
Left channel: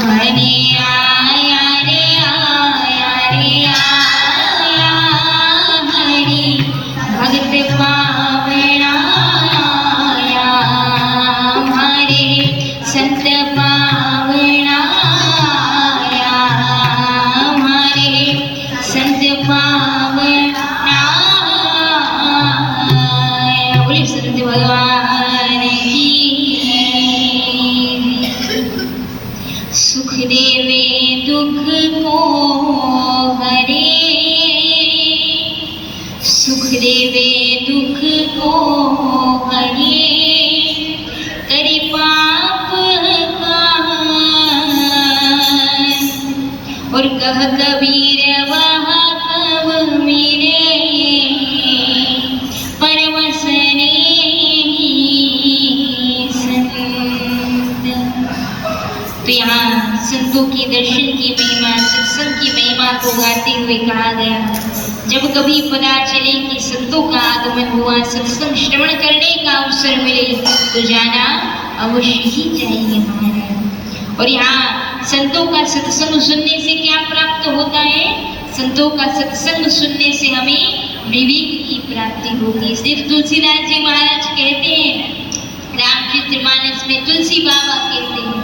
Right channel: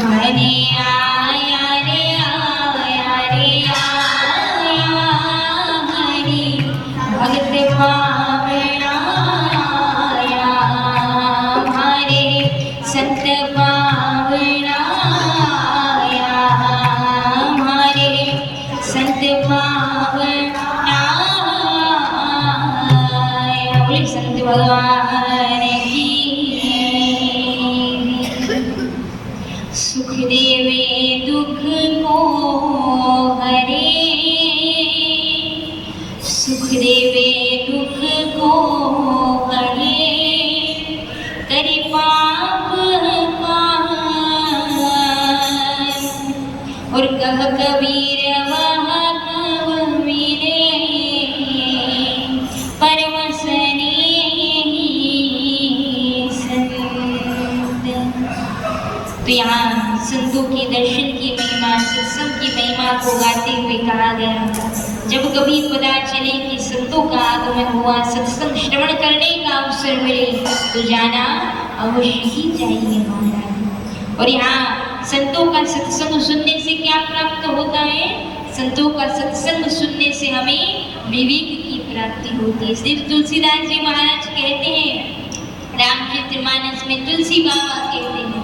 हरे आया रे आया रे आया हरि भगत पावना आया हमारे संत पावना आया हमारे संत पावना आया बोले संत भगवान की सुख देवे दुख को हरे सुख देवे दुख को हरे करे पाप का और कह कबीर वह कब मिले परम सने संत। तो यहाँ संतों के दर्शन की महिमा सत्संग की महिमा को गाते हुए कहा गया जब कभी पता चले कि संतों का आगमन हुआ सत्संग श्रवण करने का अवसर मिले तो जाना अवश्य ही चाहिए महाराज। और यहाँ संतों का सत्संग सुनने से क्या प्राप्त होता है? संतों का सत्संग सुनने से हमें विवेक की प्राप्ति होती है। इसलिए तुलसीदास जी महाराज कहते हैं रामचरितमानस में तुलसी बाबा कहते हैं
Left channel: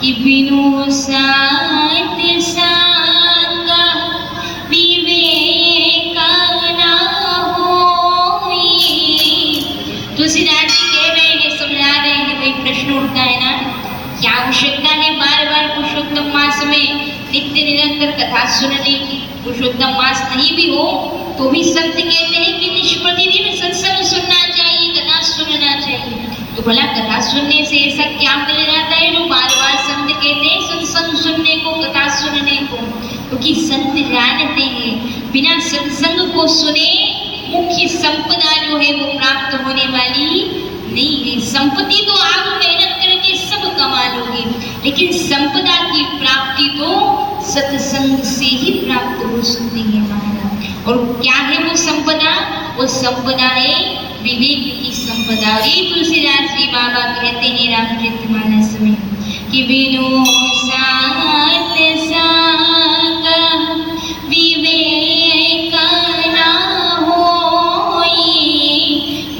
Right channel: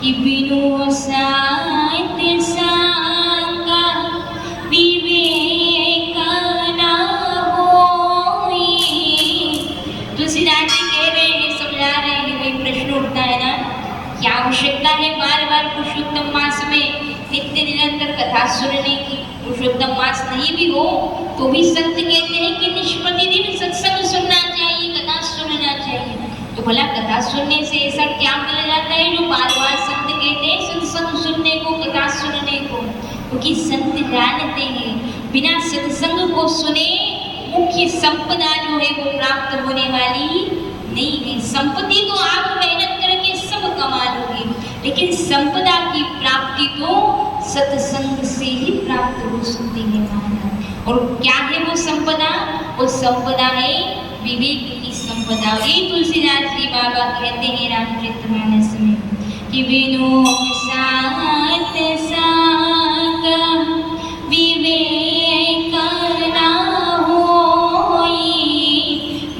कि बिनु सात सांगा विवेक ना होई। तुलसीदास जी कह रहे हैं समझा रहे हैं भाई प्रश्न उठता है ना क्या आवश्यकता है बार बार पुरुषोत्तम मास में नित्य निरंतर कथा सुनने की? पुरुषोत्तम मास नहीं भी हो तो भी संत कहते हैं कि निष्प्रतिदिन सत्संग सुनना चाहिए कथा सुनना चाहिए। तो भला कथा सुनने से ऐसा क्या मिल जाता है जो बार बार संत कहते हैं सत्संग सुनने को कथा सुनने को? क्योंकि संत जानते हैं बिना सत्संग को सुने मुख्य संपदा जो है वो प्राप्त होने वाली नहीं है। संपत्ति तो आप मेहनत करके सब कमा लोगे लेकिन संपदा की प्राप्ति तो सत्संग से ही प्राप्त हो सकती है महाराज। और क्या है वो संपदा? वो संपदा है विवेक की संपदा। ये तुलसीदास जी बाबा कहते हैं रामचरितमानस में कि बिनु सात सांग विवेक ना होई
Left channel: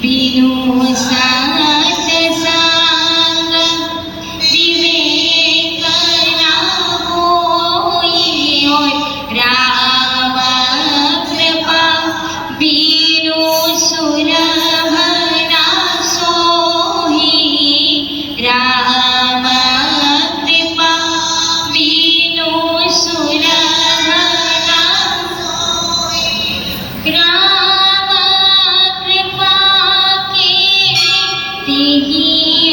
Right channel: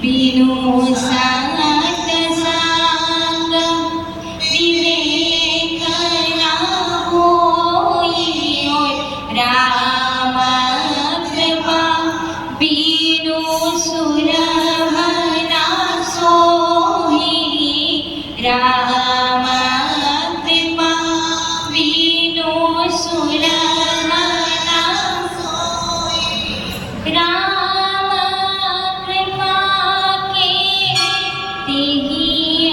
बिनु सात सांग विवेक ना होई और राम कृपा बिनु सुलभ ना सोही राम कृपा बिनु सुलभ ना सोही राम कृपा के तेहि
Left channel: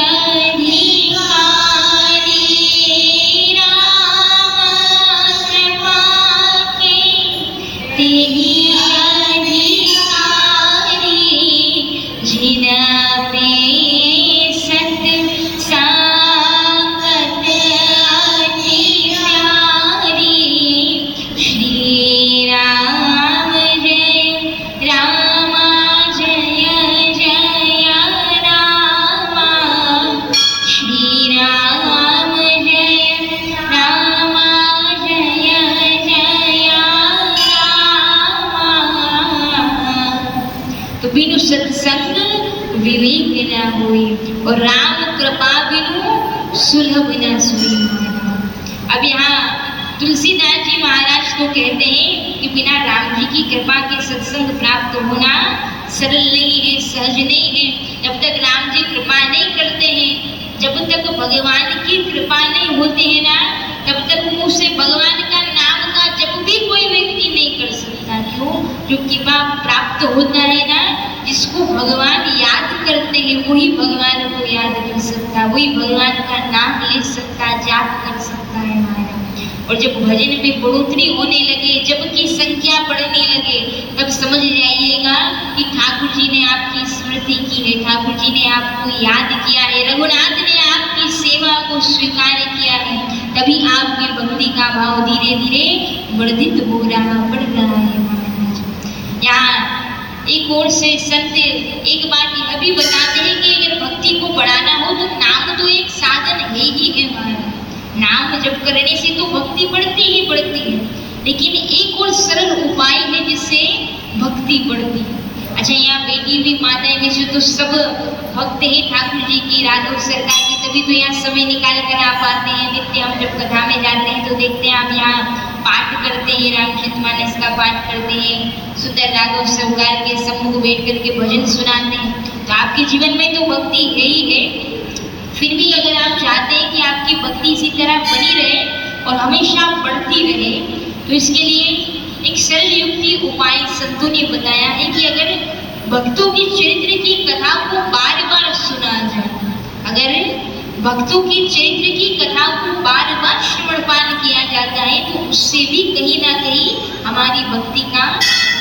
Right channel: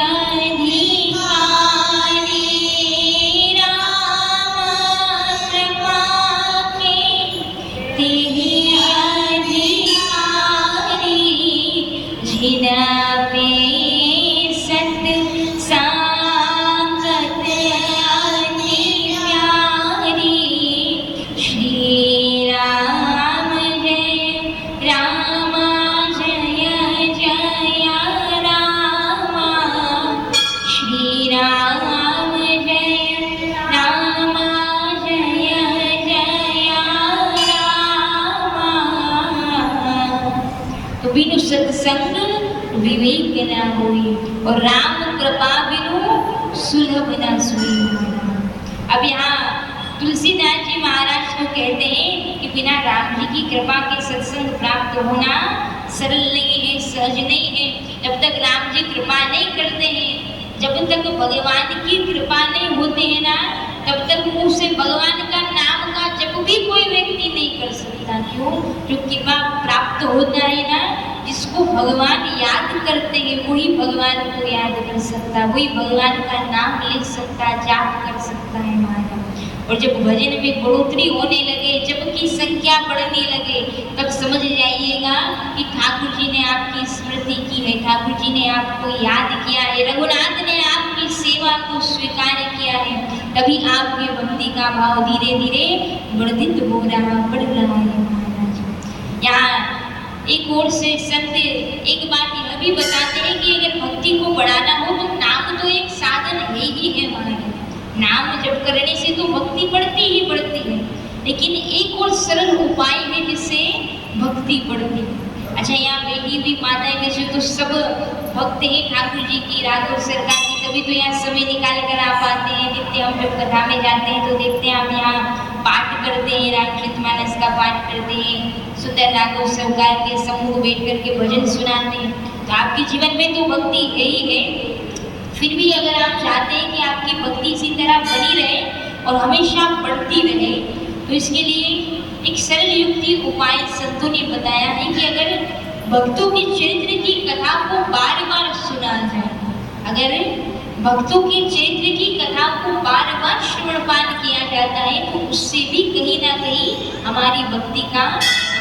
अधिकारी राम कृपा के तेहि अधिकारी जिन पे सत सांगत अति प्यारी श्री राम जय रामा जय जय रामा श्री राम जय रामा जय जय रामा। तो बिनु सत्संग विवेक न होई और राम कृपा बिनु सुलभ न सोई महाराज। अब यहाँ तुलसीदास जी महाराज को कहते हैं कि बिना राम जी की कृपा के सत्संग प्राप्त होना सरल नहीं है सहज नहीं है। जब तक राम जी कृपा नहीं करते हैं जब तक भगवान की कृपा नहीं होती है ना तब तक मुंह से भगवान का नाम का जप भी कोई व्यक्ति नहीं कर सकता। क्यों? जो कृपा प्राप्त होता है ना जिसको भगवान याद करते हैं वही भगवान को याद कर सकता है, वही भगवान का नाम ले सकता, जाप कर सकता है महाराज। और जब भजन में बढ़ोतरी होने लगे, जब की संख्या बढ़ने लगे, तब समझ जाइएगा कि ठाकुर जी ने आपकी स्मृति की है, ठाकुर जी ने आपको याद किया है, रघुनाथ ने आपकी सेवा को स्वीकार किया है। तभी आपके भक्ति का भाव धीरे धीरे वर्धित हो रहा, बढ़ रहा है महाराज। यहाँ एक ओर से संत एक बात यह भी बताते हैं कि अगर भक्ति को बढ़ाना हो तो नाम तो एक साधन है ही है महाराज। नाम जप करने से तो भक्ति बढ़ती ही बढ़ती है, लेकिन एक और सरल उपाय है जिससे भक्ति बढ़ती है। अच्छा, यहाँ बेटी भी माताएं वैसे तो सब भक्त है ठाकुर जी की, राघव सरकार की, तभी तो यहाँ समय निकाल कर आ पाते हैं। नित्य हम जब कथा में जाते हैं तो देखते हैं आप यहाँ पाठ करते हैं, रामचरितमानस का पाठ करते हैं, सुंदर राघव सरकार के सम्मुख बैठ करके भजन सुनाते हैं। तो आपके जीवन में तो भक्ति है ही है। फिर भी अगर आप चाहते हैं कि आपकी भक्ति इसी तरह बनी रहे और हमेशा बढ़ती रहे, तो इसके लिए एक सरल युक्ति उपाय संतों ने बताया है कि अगर भक्तों के चरित्र की कथा को बार बार सुना जाए, अगर भक्तों के चरित्र की कथा को बार बार श्रवणपान किया जाता है, तो उससे भी कहीं ना कहीं हमारी भक्ति का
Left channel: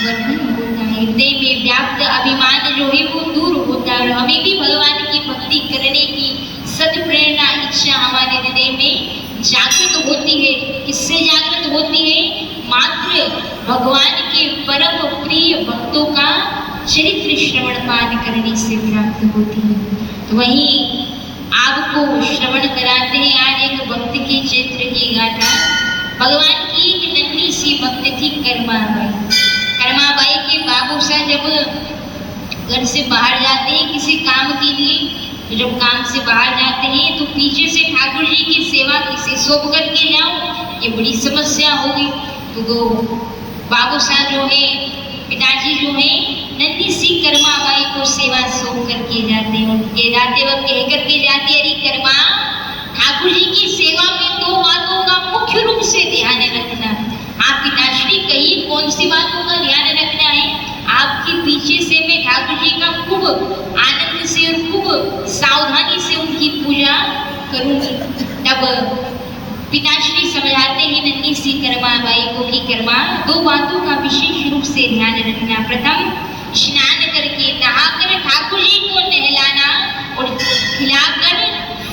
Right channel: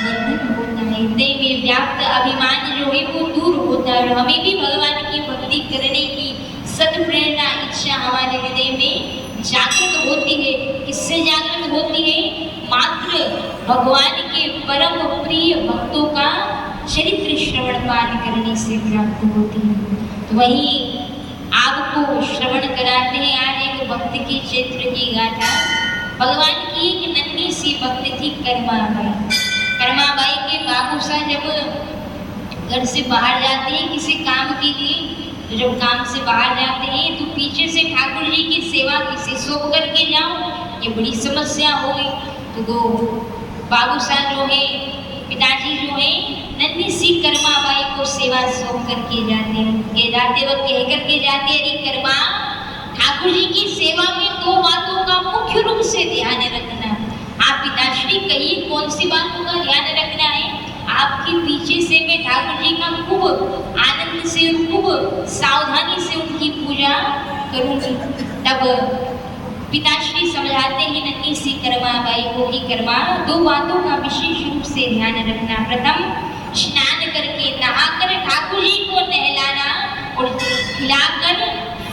वर्धन होता है। हृदय में व्याप्त अभिमान जो है वो दूर होता है और हमें भी भगवान की भक्ति करने की सद प्रेरणा इच्छा हमारे हृदय में जागृत होती है। किससे जागृत होती है? मात्र भगवान के परम प्रिय भक्तों का चरित्र श्रवण पान करने से प्राप्त होती है। तो वही आपको श्रवण कराते हैं आज एक भक्त के चरित्र की गाथा। भगवान की एक नन्ही सी भक्त थी कर्माबाई। कर्माबाई के बाबू साहब जब घर से बाहर जाते हैं किसी काम के लिए, तो जब काम से बाहर जाते हैं तो पीछे से ठाकुर जी की सेवा किसे सौंप करके जाओ, ये बड़ी समस्या हो गई। तो वो बाबू साहब जो है, पिताजी जो है, नन्ही सी कर्माबाई को सेवा सौंप करके जाते हैं। उनके जाते वक्त कह करके जाते, अरे कर्मा, ठाकुर जी की सेवा में दो बातों का मुख्य रूप से ध्यान रखना। आप पिताश्री कहिए कौन सी बातों का ध्यान रखना है? आपके पीछे से मैं ठाकुर जी का खूब आनंद से और खूब सावधानी से उनकी पूजा करूंगी। तब पिताश्री समझाते हैं नन्ही सी कर्माबाई को कि कर्मा, दो बातों का विशेष रूप से ध्यान रखना। प्रथम, स्नान करके नहाकर ठाकुर जी को नहलाना और खिलाकर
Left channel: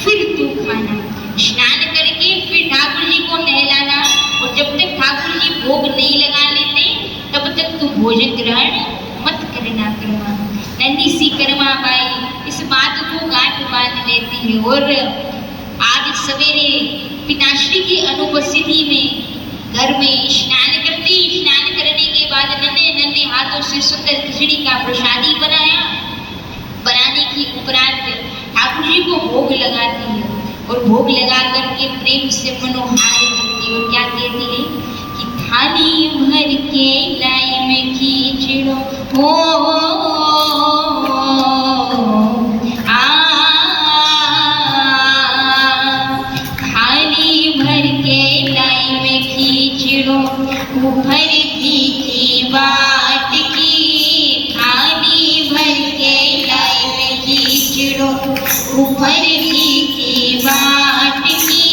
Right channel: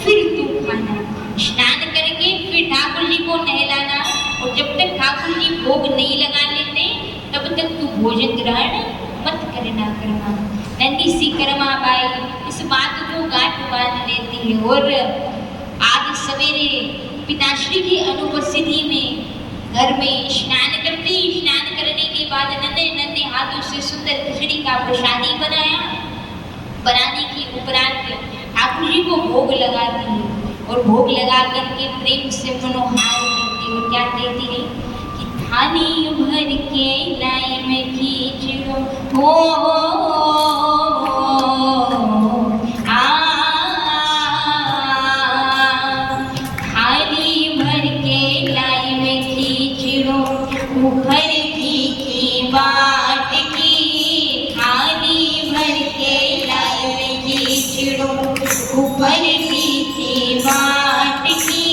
फिर तू खाना। स्नान करके फिर ठाकुर जी को नहलाना और जब तक ठाकुर जी भोग नहीं लगा लेते तब तक तू भोजन ग्रहण मत करना। कर्मा, नन्ही सी कर्माबाई इस बात को गांठ बांध लेती है और आज सवेरे पिताश्री की अनुपस्थिति में घर में स्नान करती। स्नान करने के बाद नन्हे नन्हे हाथों से सुंदर खिचड़ी का प्रसादी बनाने की उपरांत ठाकुर जी को भोग लगाती है और भोग लगा करके प्रेम से मनोहार करती है। और क्या कहती है कि थाली भर के लाई में खींचड़ो थाली भर के लाई में खींचड़ो ऊपर की बाट की। थाली भर के लाई में खींचड़ो ऊपर की बाट की।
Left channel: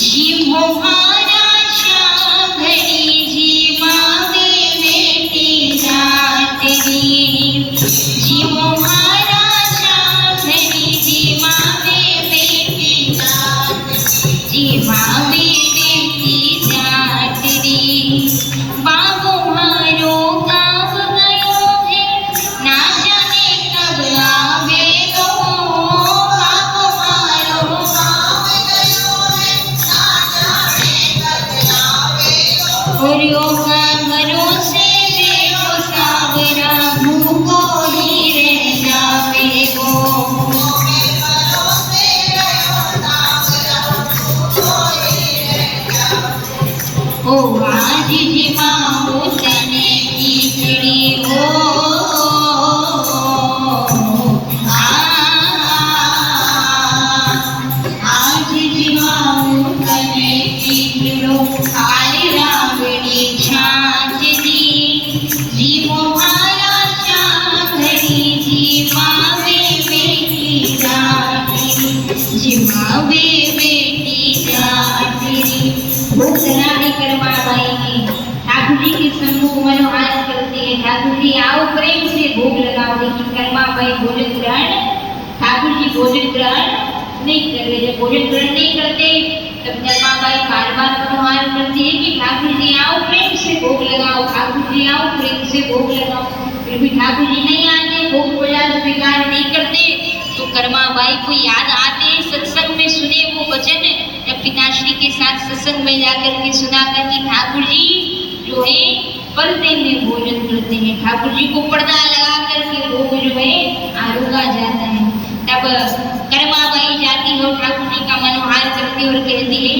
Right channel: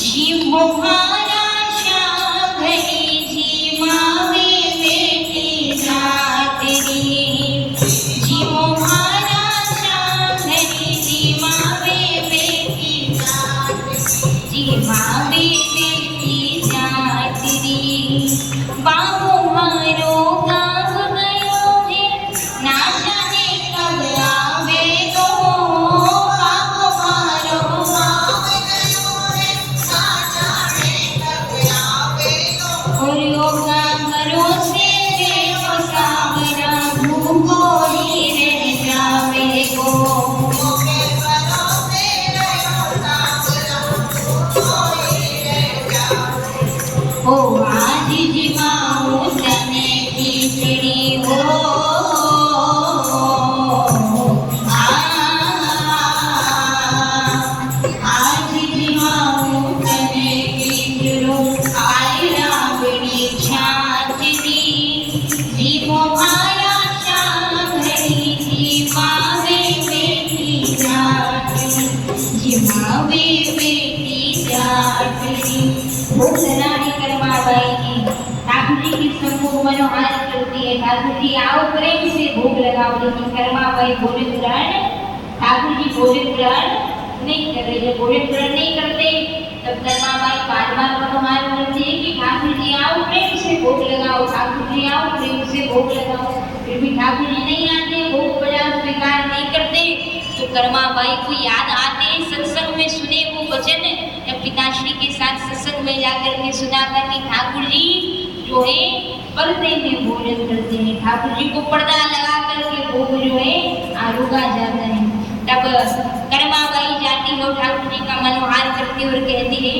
जी मोहारा शाम घड़ी जी मावे बेटी जात दी। जी मोहारा शाम घड़ी जी मावे बेटी जात जी मावे बेटी जात दी। बाबू मारो गाँव गयो है, ना जाने कब आवे लो। बाबू मारो गाँव गयो है, ना जाने कब आवे लो। और यो गाँवरों से देखो सावरा भूखो ही रह जावे गो। जिमावे बेटी जाटरी। भोग लगाने करमा बाई की ठाकुर जी की सम्मुख मनोहार करती है। ठाकुर जी आओ प्रेम से भोग लगाओ, लेकिन करमा बाई भोजन ग्रहण, ठाकुर जी भोजन ग्रहण नहीं कर रहे। जब भोजन ग्रहण नहीं करते तब करमा बाई बार बार मनोहार करती है कि ठाकुर जी आओ प्रेम से भोग लगाओ, ठाकुर जी आओ प्रेम से भोग लगाओ। फिर भी ठाकुर जी नहीं आते, भोग प्रसाद स्वीकार नहीं करते। तो करमा बाई को याद आते सत्संग में सुने वो वचन, जब पिताश्री के साथ सत्संग में जाकर के सुना करके ठाकुर जी जो है पर्दे में भोजन करते हैं। ठाकुर जी को पर्दा लगा करके भोग जो है आरोगा जाता है। तब करमा बाई जाती है और ठाकुर जी का मनोहार करती और कहती है,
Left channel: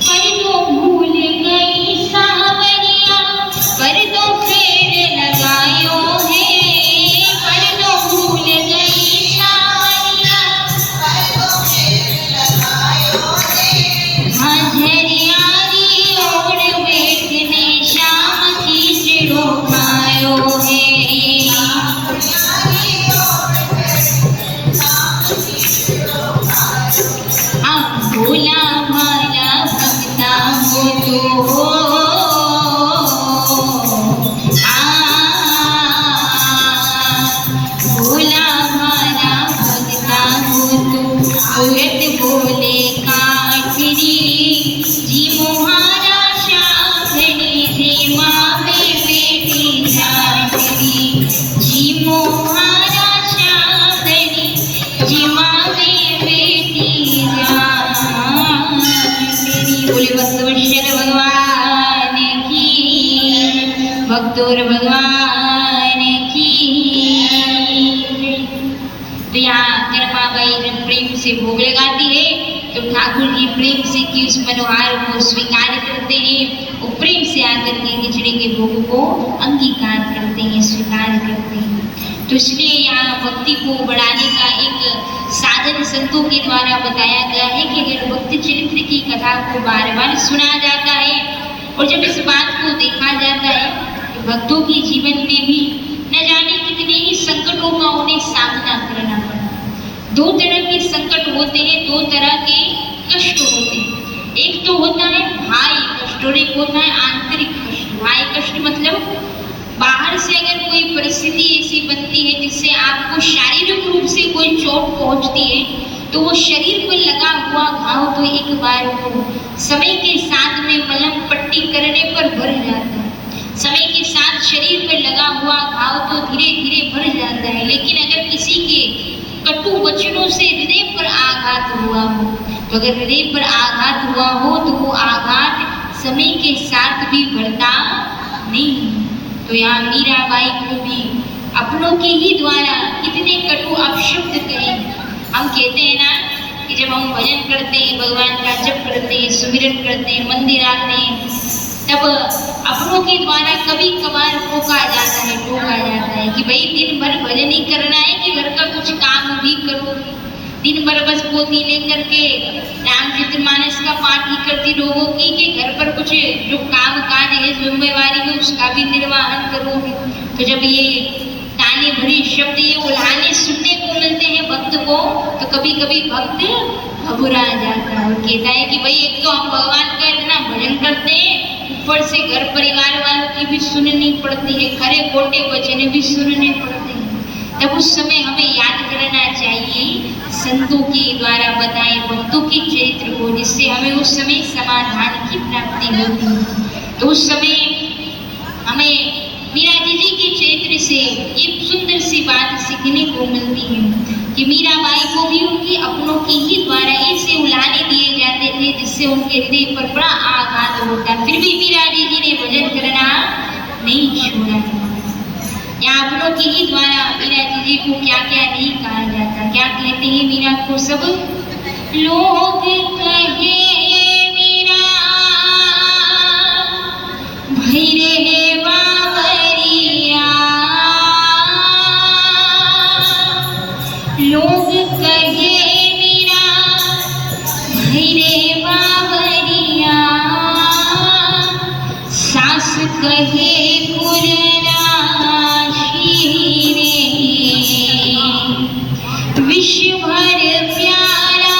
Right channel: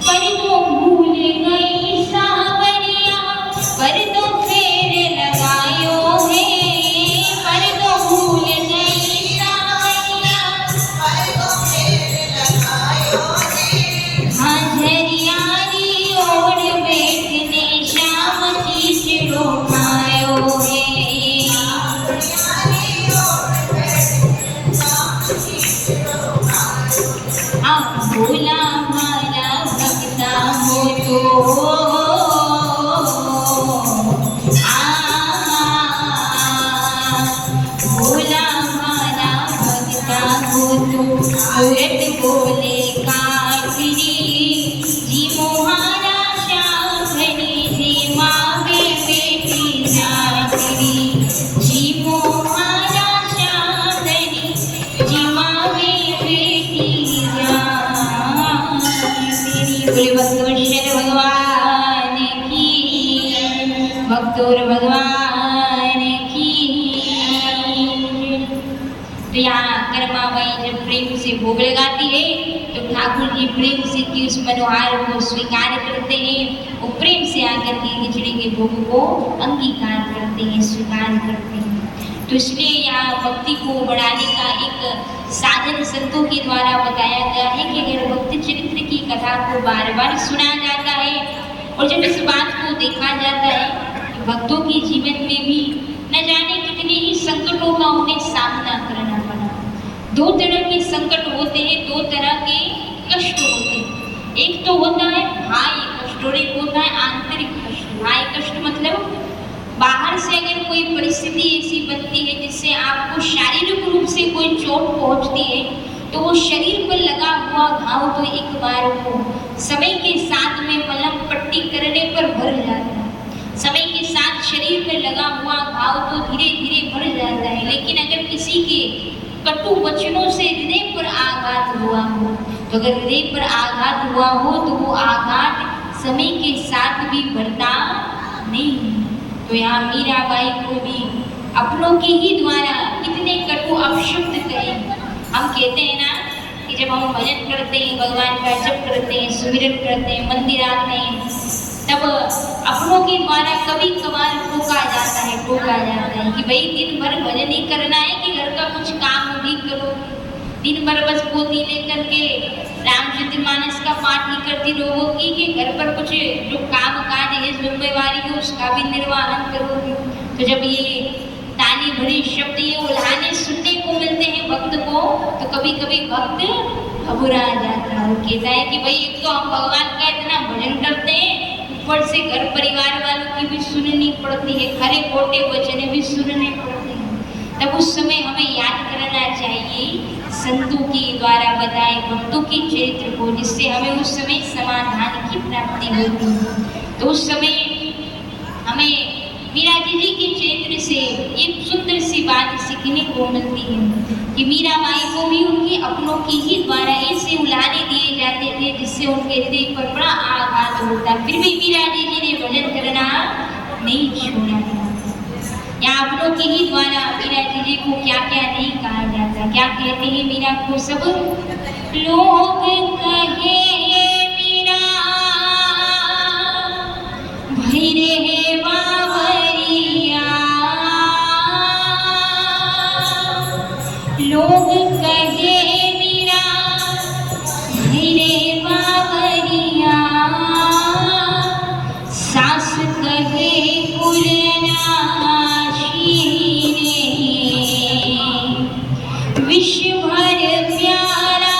पर तो भूल गई सावरिया, पर तो फेर लगायो है, पर तो भूल गई सावरिया, पर तो फेर लगायो है। हाँ झरियारी ओढ़ बैठने श्याम की चिड़ो खायो है। भोला भाला भक्ता हो तो भोला भाला भक्ता हो तो औरत बोले काटरी, जी मोहारा शाखड़ी जी मावे बेटी जाटरी, जी मोहारा शाखड़ी जी मावे बेटी बोले भक्तवत्सल भगवान की, भक्तोर भगवान की। तो यहाँ करमा बाई जब प्रेम से भोग लगाती है तो ठाकुर जी प्रेम से की उस मनोहार को स्वीकार करते हैं और प्रेम से आकर के खिचड़ी के भोग को अंगीकार करते हैं, स्वीकार करते हैं। तो इसलिए यहाँ भक्ति को बढ़ाने का एक साधन संतों के द्वारा बताया गया है कि अगर भक्ति चरित्र की कथा को बार बार सुना जाता है और जब इस बात को देखा जाता है कि भक्तों के जीवन में भी न जाने कितने ही संकटों का उन्हें सामना करना पड़ा। दो तरह के संकट होते हैं, दो तरह के कष्ट होते हैं। एक तो होता है भाई कष्ट और एक होता है आंतरिक कष्ट। भाई कष्ट मतलब बाहर से अगर कोई परिस्थिति ऐसी बनती है जिससे आपको शारीरिक रूप से कोई चोट पहुंचती है तो वो शरीर पर लगा हुआ घाव तो एक बार को समय के साथ में मलहम पट्टी करने पर भर जाता है। समय के साथ शरीर पर लगा हुआ घाव तो धीरे धीरे भर जाता है। लेकिन अगर किसी के कटु वचनों से हृदय पर आघात हुआ हो, तो अगर हृदय पर आघात हुआ हो तो वो आघात समय के साथ भी भरता नहीं। तो यहाँ मीराबाई को भी अपनों के ही द्वारा इतने कटु अपशब्द कहे। हम कहते हैं ना कि जब हम भजन करते हैं, भगवान का जप करते हैं, सुमिरन करते हैं, मंदिर आते हैं, तब अपनों के द्वारा कभी कभार टोका जाता है कि भाई दिन भर भजन ही करना है कि घर का कुछ काम भी करो। दिन भर बस पोथी लेकर के रामचरितमानस का पाठ ही करती लोगों की कि घर पर कुछ जो काम काज है जिम्मेवारी है उसका भी निर्वाहन करोगे। तो जब ये ताली भरी शब्द ये उल्हाने सुनने को मिलते हैं भक्त को, तो कभी कभी भक्त घबरा जाता है, कहता है कि भाई एक तो हम भगवान का इतना भजन करते हैं, ऊपर से घर परिवार वालों की भी सुननी पड़ती है, खरे खोटे वचन भी सुनने पड़ते हैं। तब उस समय हमें याद करना चाहिए संतों के द्वारा बताए भक्तों के चरित्र को, जिससे हमें उस समय समाधान की प्राप्ति होती है। तो उस समय हमें मीरा जी के चरित्र से एक सुंदर सी बात सीखने को मिलती है कि मीराबाई को भी उनके अपनों के ही द्वारा ऐसे उलाने दिए जाते थे जिससे उनके हृदय पर बड़ा आघात होता, फिर भी मीरा जी ने भजन करना नहीं छोड़ा। यहाँ अपनों के ही द्वारा मीरा जी को क्या क्या नहीं कहा जाता, क्या कहते हैं मीरा को सब लोग कहे मीरा भैरे बावरिया, लोग कहे मीरा भैरे बावरिया, सास कहे विश्व भर प्यारा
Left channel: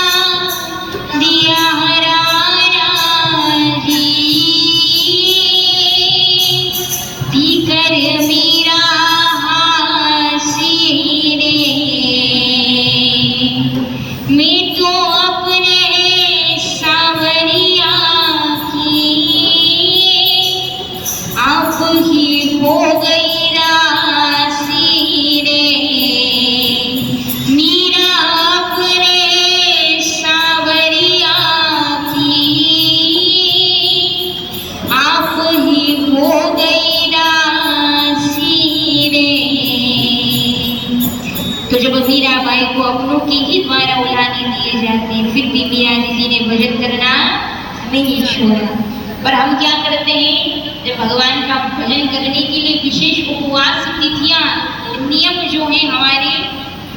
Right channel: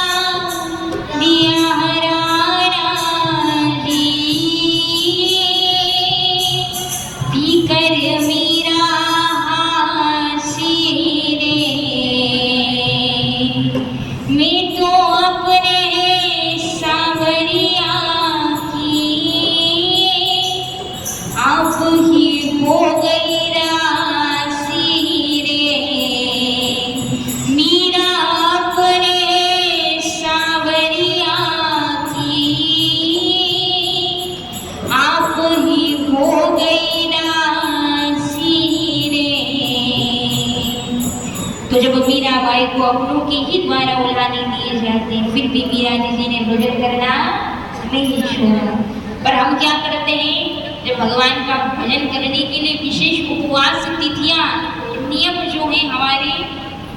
द्वारा उड़ाने दिए जाते हैं, फिर भी मीरा जी ने भजन करना नहीं छोड़ा। पर हम क्या करते हैं, जब भगवान का भजन करने के लिए विशेष उपवास तिथियां नियम जो है हमारे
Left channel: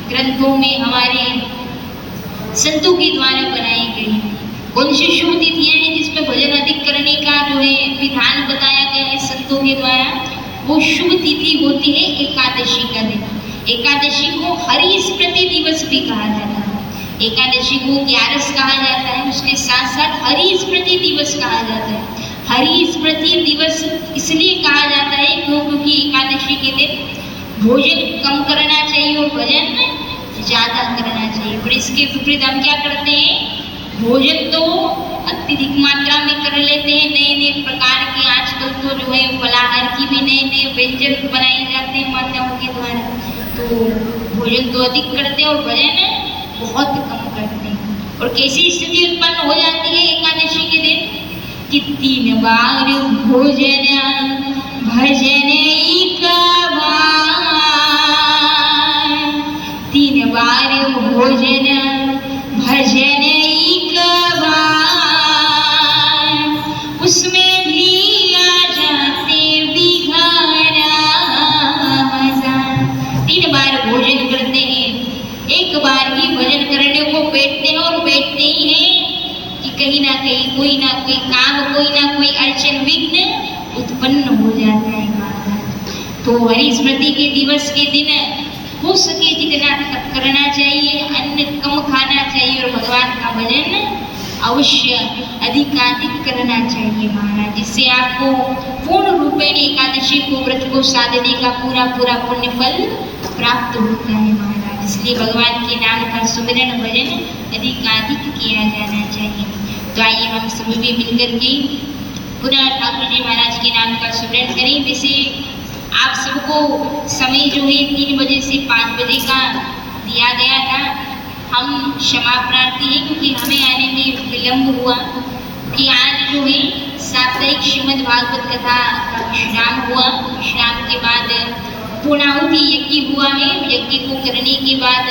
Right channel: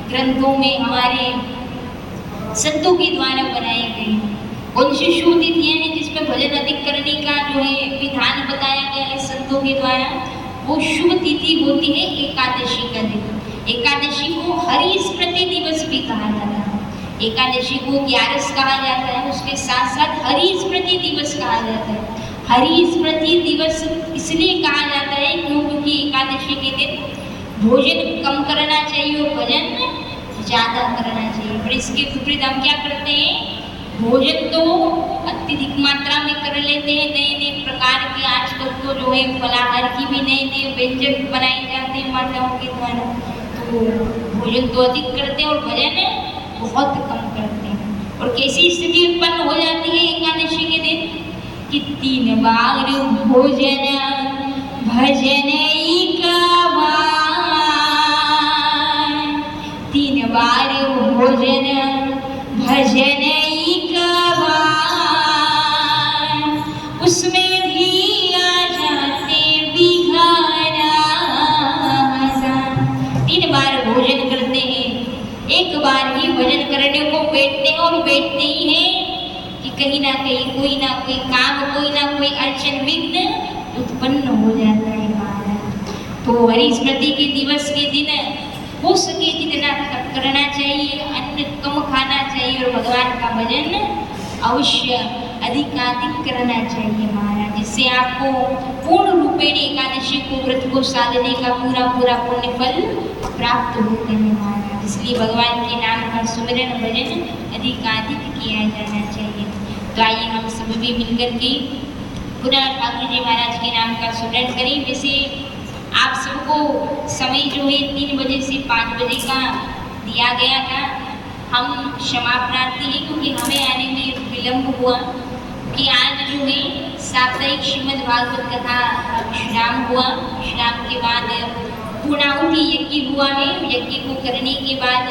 ग्रंथों में, हमारे संतों के द्वारा बनाई गई हैं, कौन सी शुभ तिथियां हैं जिसमें भजन अधिक करने का जो है विधान बताया गया है संतों के द्वारा, वो शुभ तिथि होती है एकादशी का दिन। एकादशी को हरि स्मृति दिवस भी कहा जाता है, एकादशी को 11 कहा जाता है, उसके साथ साथ हरि स्मृति दिवस कहा जाता है। हरि स्मृति दिवस इसलिए कहा जाता है क्योंकि एकादशी के दिन भोजन कम करना चाहिए और भजन ज्यादा करना चाहिए। पर इसके विपरीत हम क्या करते हैं, भोजन तो अत्यधिक मात्रा में कर लेते हैं, नए नए प्रकार के आजकल तो जो है फलाहार की भी नए नए व्यंजन बनाए जाते हैं माताओं के द्वारा, तो भोजन तो अधिक करते हैं और भजन बहुत कम करते हैं। और कैसी स्थिति उत्पन्न हो जाती है एकादशी के दिन कि 3 बार भोजन भजन एक बार, 3 बार भोजन भजन एक बार, उसमें भी आ जाते बिघारा। 3 बार भोजन करते हैं, एक बार ही भजन करने को बैठते हैं और बैठते ही हैं कि कहीं ना कहीं कोई ना कोई काम, कोई ना कोई अड़चन विघ्न उत्पन्न हो जाता है महाराज। तो हरि स्मृति के दिवस के दिन हो सके जितना करना चाहिए, अन्न कम खाना चाहिए और भगवान का भजन अवश्य अधिकाधिक करना चाहिए महाराज, जिससे आपको पूर्ण रूपेण एकादशी को व्रत को साधने का पूरा पूरा पुण्य फल प्राप्त होता है महाराज। इसलिए भगवान के नाम का सुमिरन भजन अधिकाधिक किया जाना चाहिए। तो आइए हम सभी भी मिलकर के पुनः ठाकुर जी महाराज के नाम का सुमिरन करें। वैसे आप सबको समय जो है 3 बजे से 5 बजे का दिया गया था, हम क्षमा प्रार्थी हैं क्योंकि हमें आने में विलम्ब हुआ, कि आज जो है साप्ताहिक श्रीमद् भागवत कथा का विश्राम हुआ। विश्राम के बाद पूर्णाहुति यज्ञ हुआ है, यज्ञ को करने के बाद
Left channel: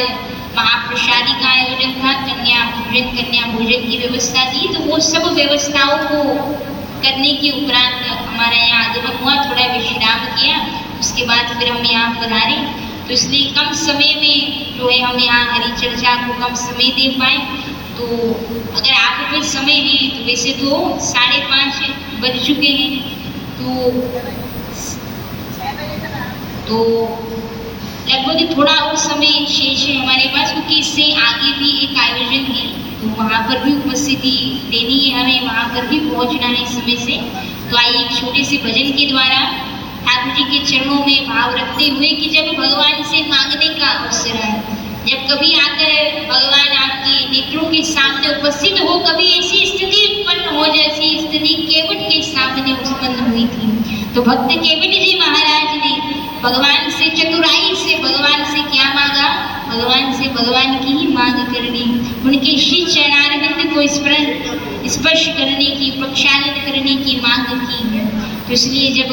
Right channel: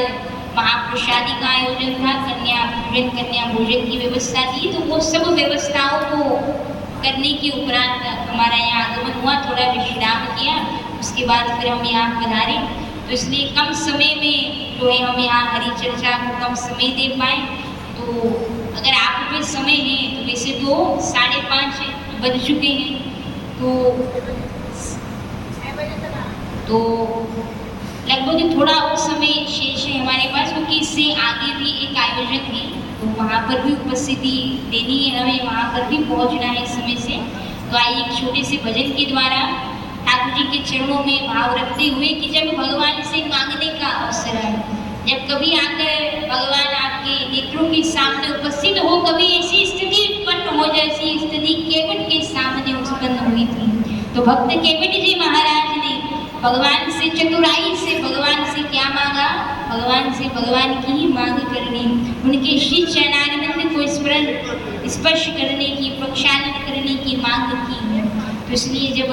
महाप्रसादी का आयोजन था, कन्या पूजन कन्या भोजन की व्यवस्था थी, तो वो सब व्यवस्थाओं को करने के उपरांत हमारा यहाँ आगमन हुआ, थोड़ा विश्राम किया, उसके बाद फिर हम यहाँ पधारे। तो इसलिए कम समय में जो है हम यहाँ हरि चर्चा को कम समय दे पाए। तो अगर आपके पास समय है तो वैसे तो 5:30 बज चुके हैं, तो लगभग थोड़ा और समय शेष है हमारे पास, क्योंकि इससे आगे भी एक आयोजन है, तो वहाँ पर भी उपस्थिति देनी है हमें, वहाँ पर भी पहुँचना है समय से। तो आइए एक छोटे से भजन के द्वारा ठाकुर जी के चरणों में भाव रखते हुए कि जब भगवान से मांगने का अवसर है, जब कभी आकर भगवान आपके नेत्रों के सामने उपस्थित हो, कभी ऐसी स्थिति उत्पन्न हो जैसी स्थिति केवट के सामने उत्पन्न हुई थी, तो भक्त केवट जी महाराज ने भगवान से चतुराई से भगवान से क्या मांगा, भगवान से भगवान की ही मांग करनी, उनके श्री चरणारविंद को स्पर्श करने की, प्रक्षालन करने की मांग की है। तो इसलिए जब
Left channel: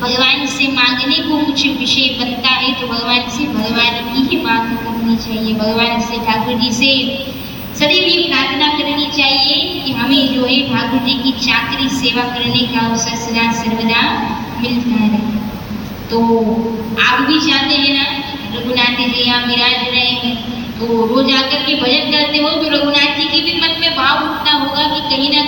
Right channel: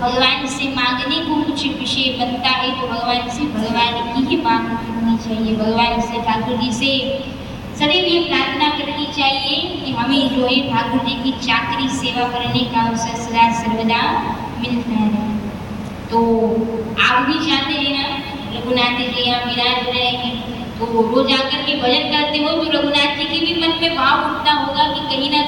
भगवान से मांगने को कुछ विषय बनता है तो भगवान से भगवान की ही मांग करनी चाहिए, भगवान से ठाकुर जी से सदैव ये प्रार्थना करनी चाहिए कि हमें जो है ठाकुर जी की चाकरी सेवा करने का अवसर सदा सर्वदा मिलता रहे। तो आप भी चाहते हैं ना रघुनाथ जी यहाँ विराज रहे हैं, तो रोज आकर के भजन करते हो तो रघुनाथ जी के भी मन में भाव उठता होगा कि कहीं ना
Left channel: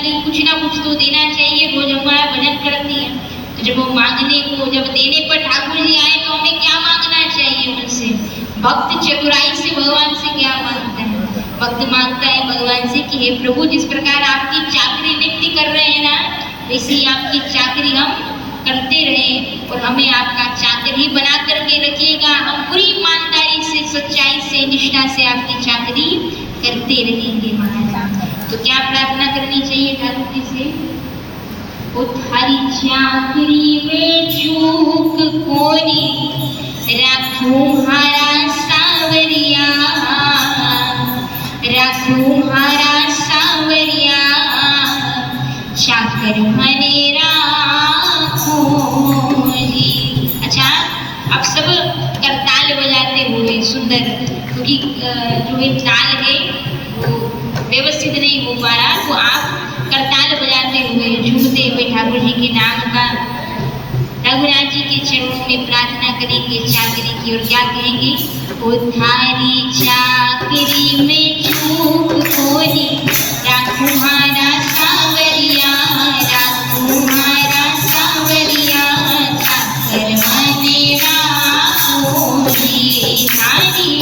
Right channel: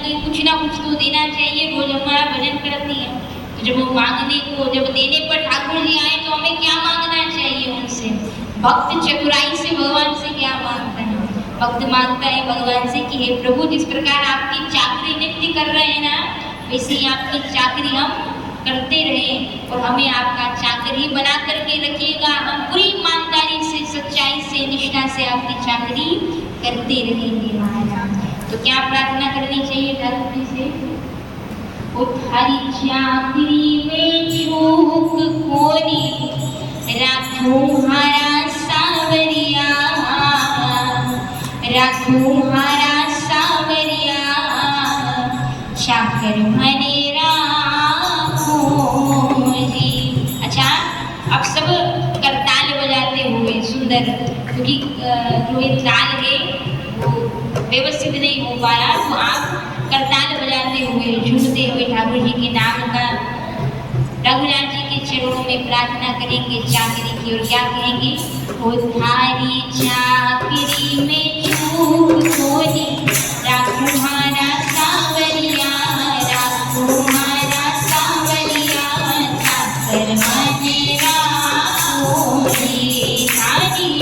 कुछ तो देना चाहिए, रोज हमारा भजन करती है। तो जब वो मांगने को, जब देने पर ठाकुर जी आए तो हमें क्या मांगना चाहिए उनसे? भक्त चतुराई से भगवान से क्या मांगता है? भक्त मांगता है भगवान से कि हे प्रभु, जिस प्रकार आपकी चाकरी नित्य कर रहे हैं ना, वैसे ही आपकी चाकरी हम करते रहें और हमें आपका चाकर ही बना करके रखिएगा। हम पूरी ईमानदारी से, सच्चाई से, निष्ठा से आपकी चाकरी करते रहेंगे महाराज। तो क्या प्रार्थना करनी चाहिए ठाकुर जी से? थारी चाकरी में चूक कोनी रखूं हारा सावरिया, रखूं हारा सावरिया, चाकर मनेरा। अच्छा, अब सब करताल बजाते हुए सुंदर, क्योंकि जो एक ताल है व्यवस्थित नहीं हो पा रहा तो आप करताल बजाते हुए झूमते हुए ठाकुर जी के नाम का रघुनाथ जी के चरणों में प्रार्थना करेंगे चाकरी की। और क्या कहेंगे? ओ थारी चाकरी में चूक कोरी राखुमारा सावरिया, राखुमारा सावरिया, चाकर मने राखोरी थारी।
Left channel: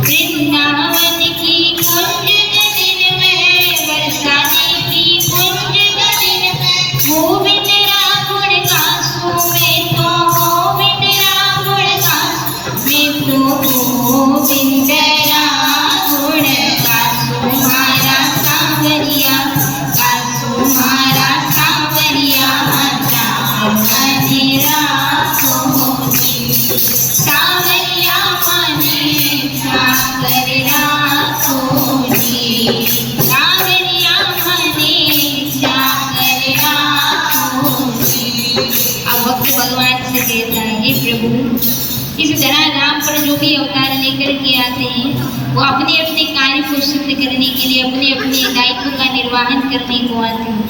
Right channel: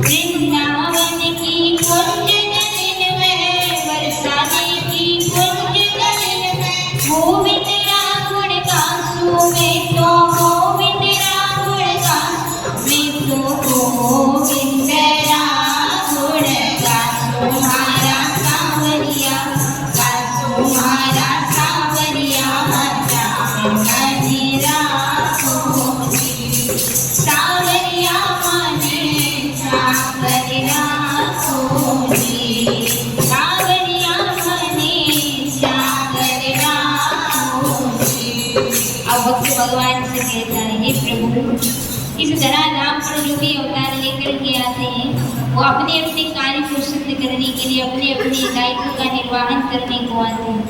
वृंदावन की कुंज गगन में बरसाने की कुंज गगन में गोविंद रावण का सो में तो गोविंद रावण का में तो गोविंद रावण का तुम्हारा सांवरिया, का तुम्हारा सांवरिया, मेरा सांवरिया मने सागर राखोरी, सांवरिया मने सागर राखोरी। अब भक्त भगवान से कहता है, हे प्रभु, इस धराधाम पर जो भी अवतार लेकर के आते हैं वो अपने अपने कार्य को सिद्ध करने के लिए अपने अपने दायित्व का निर्वहन करने को आते हैं।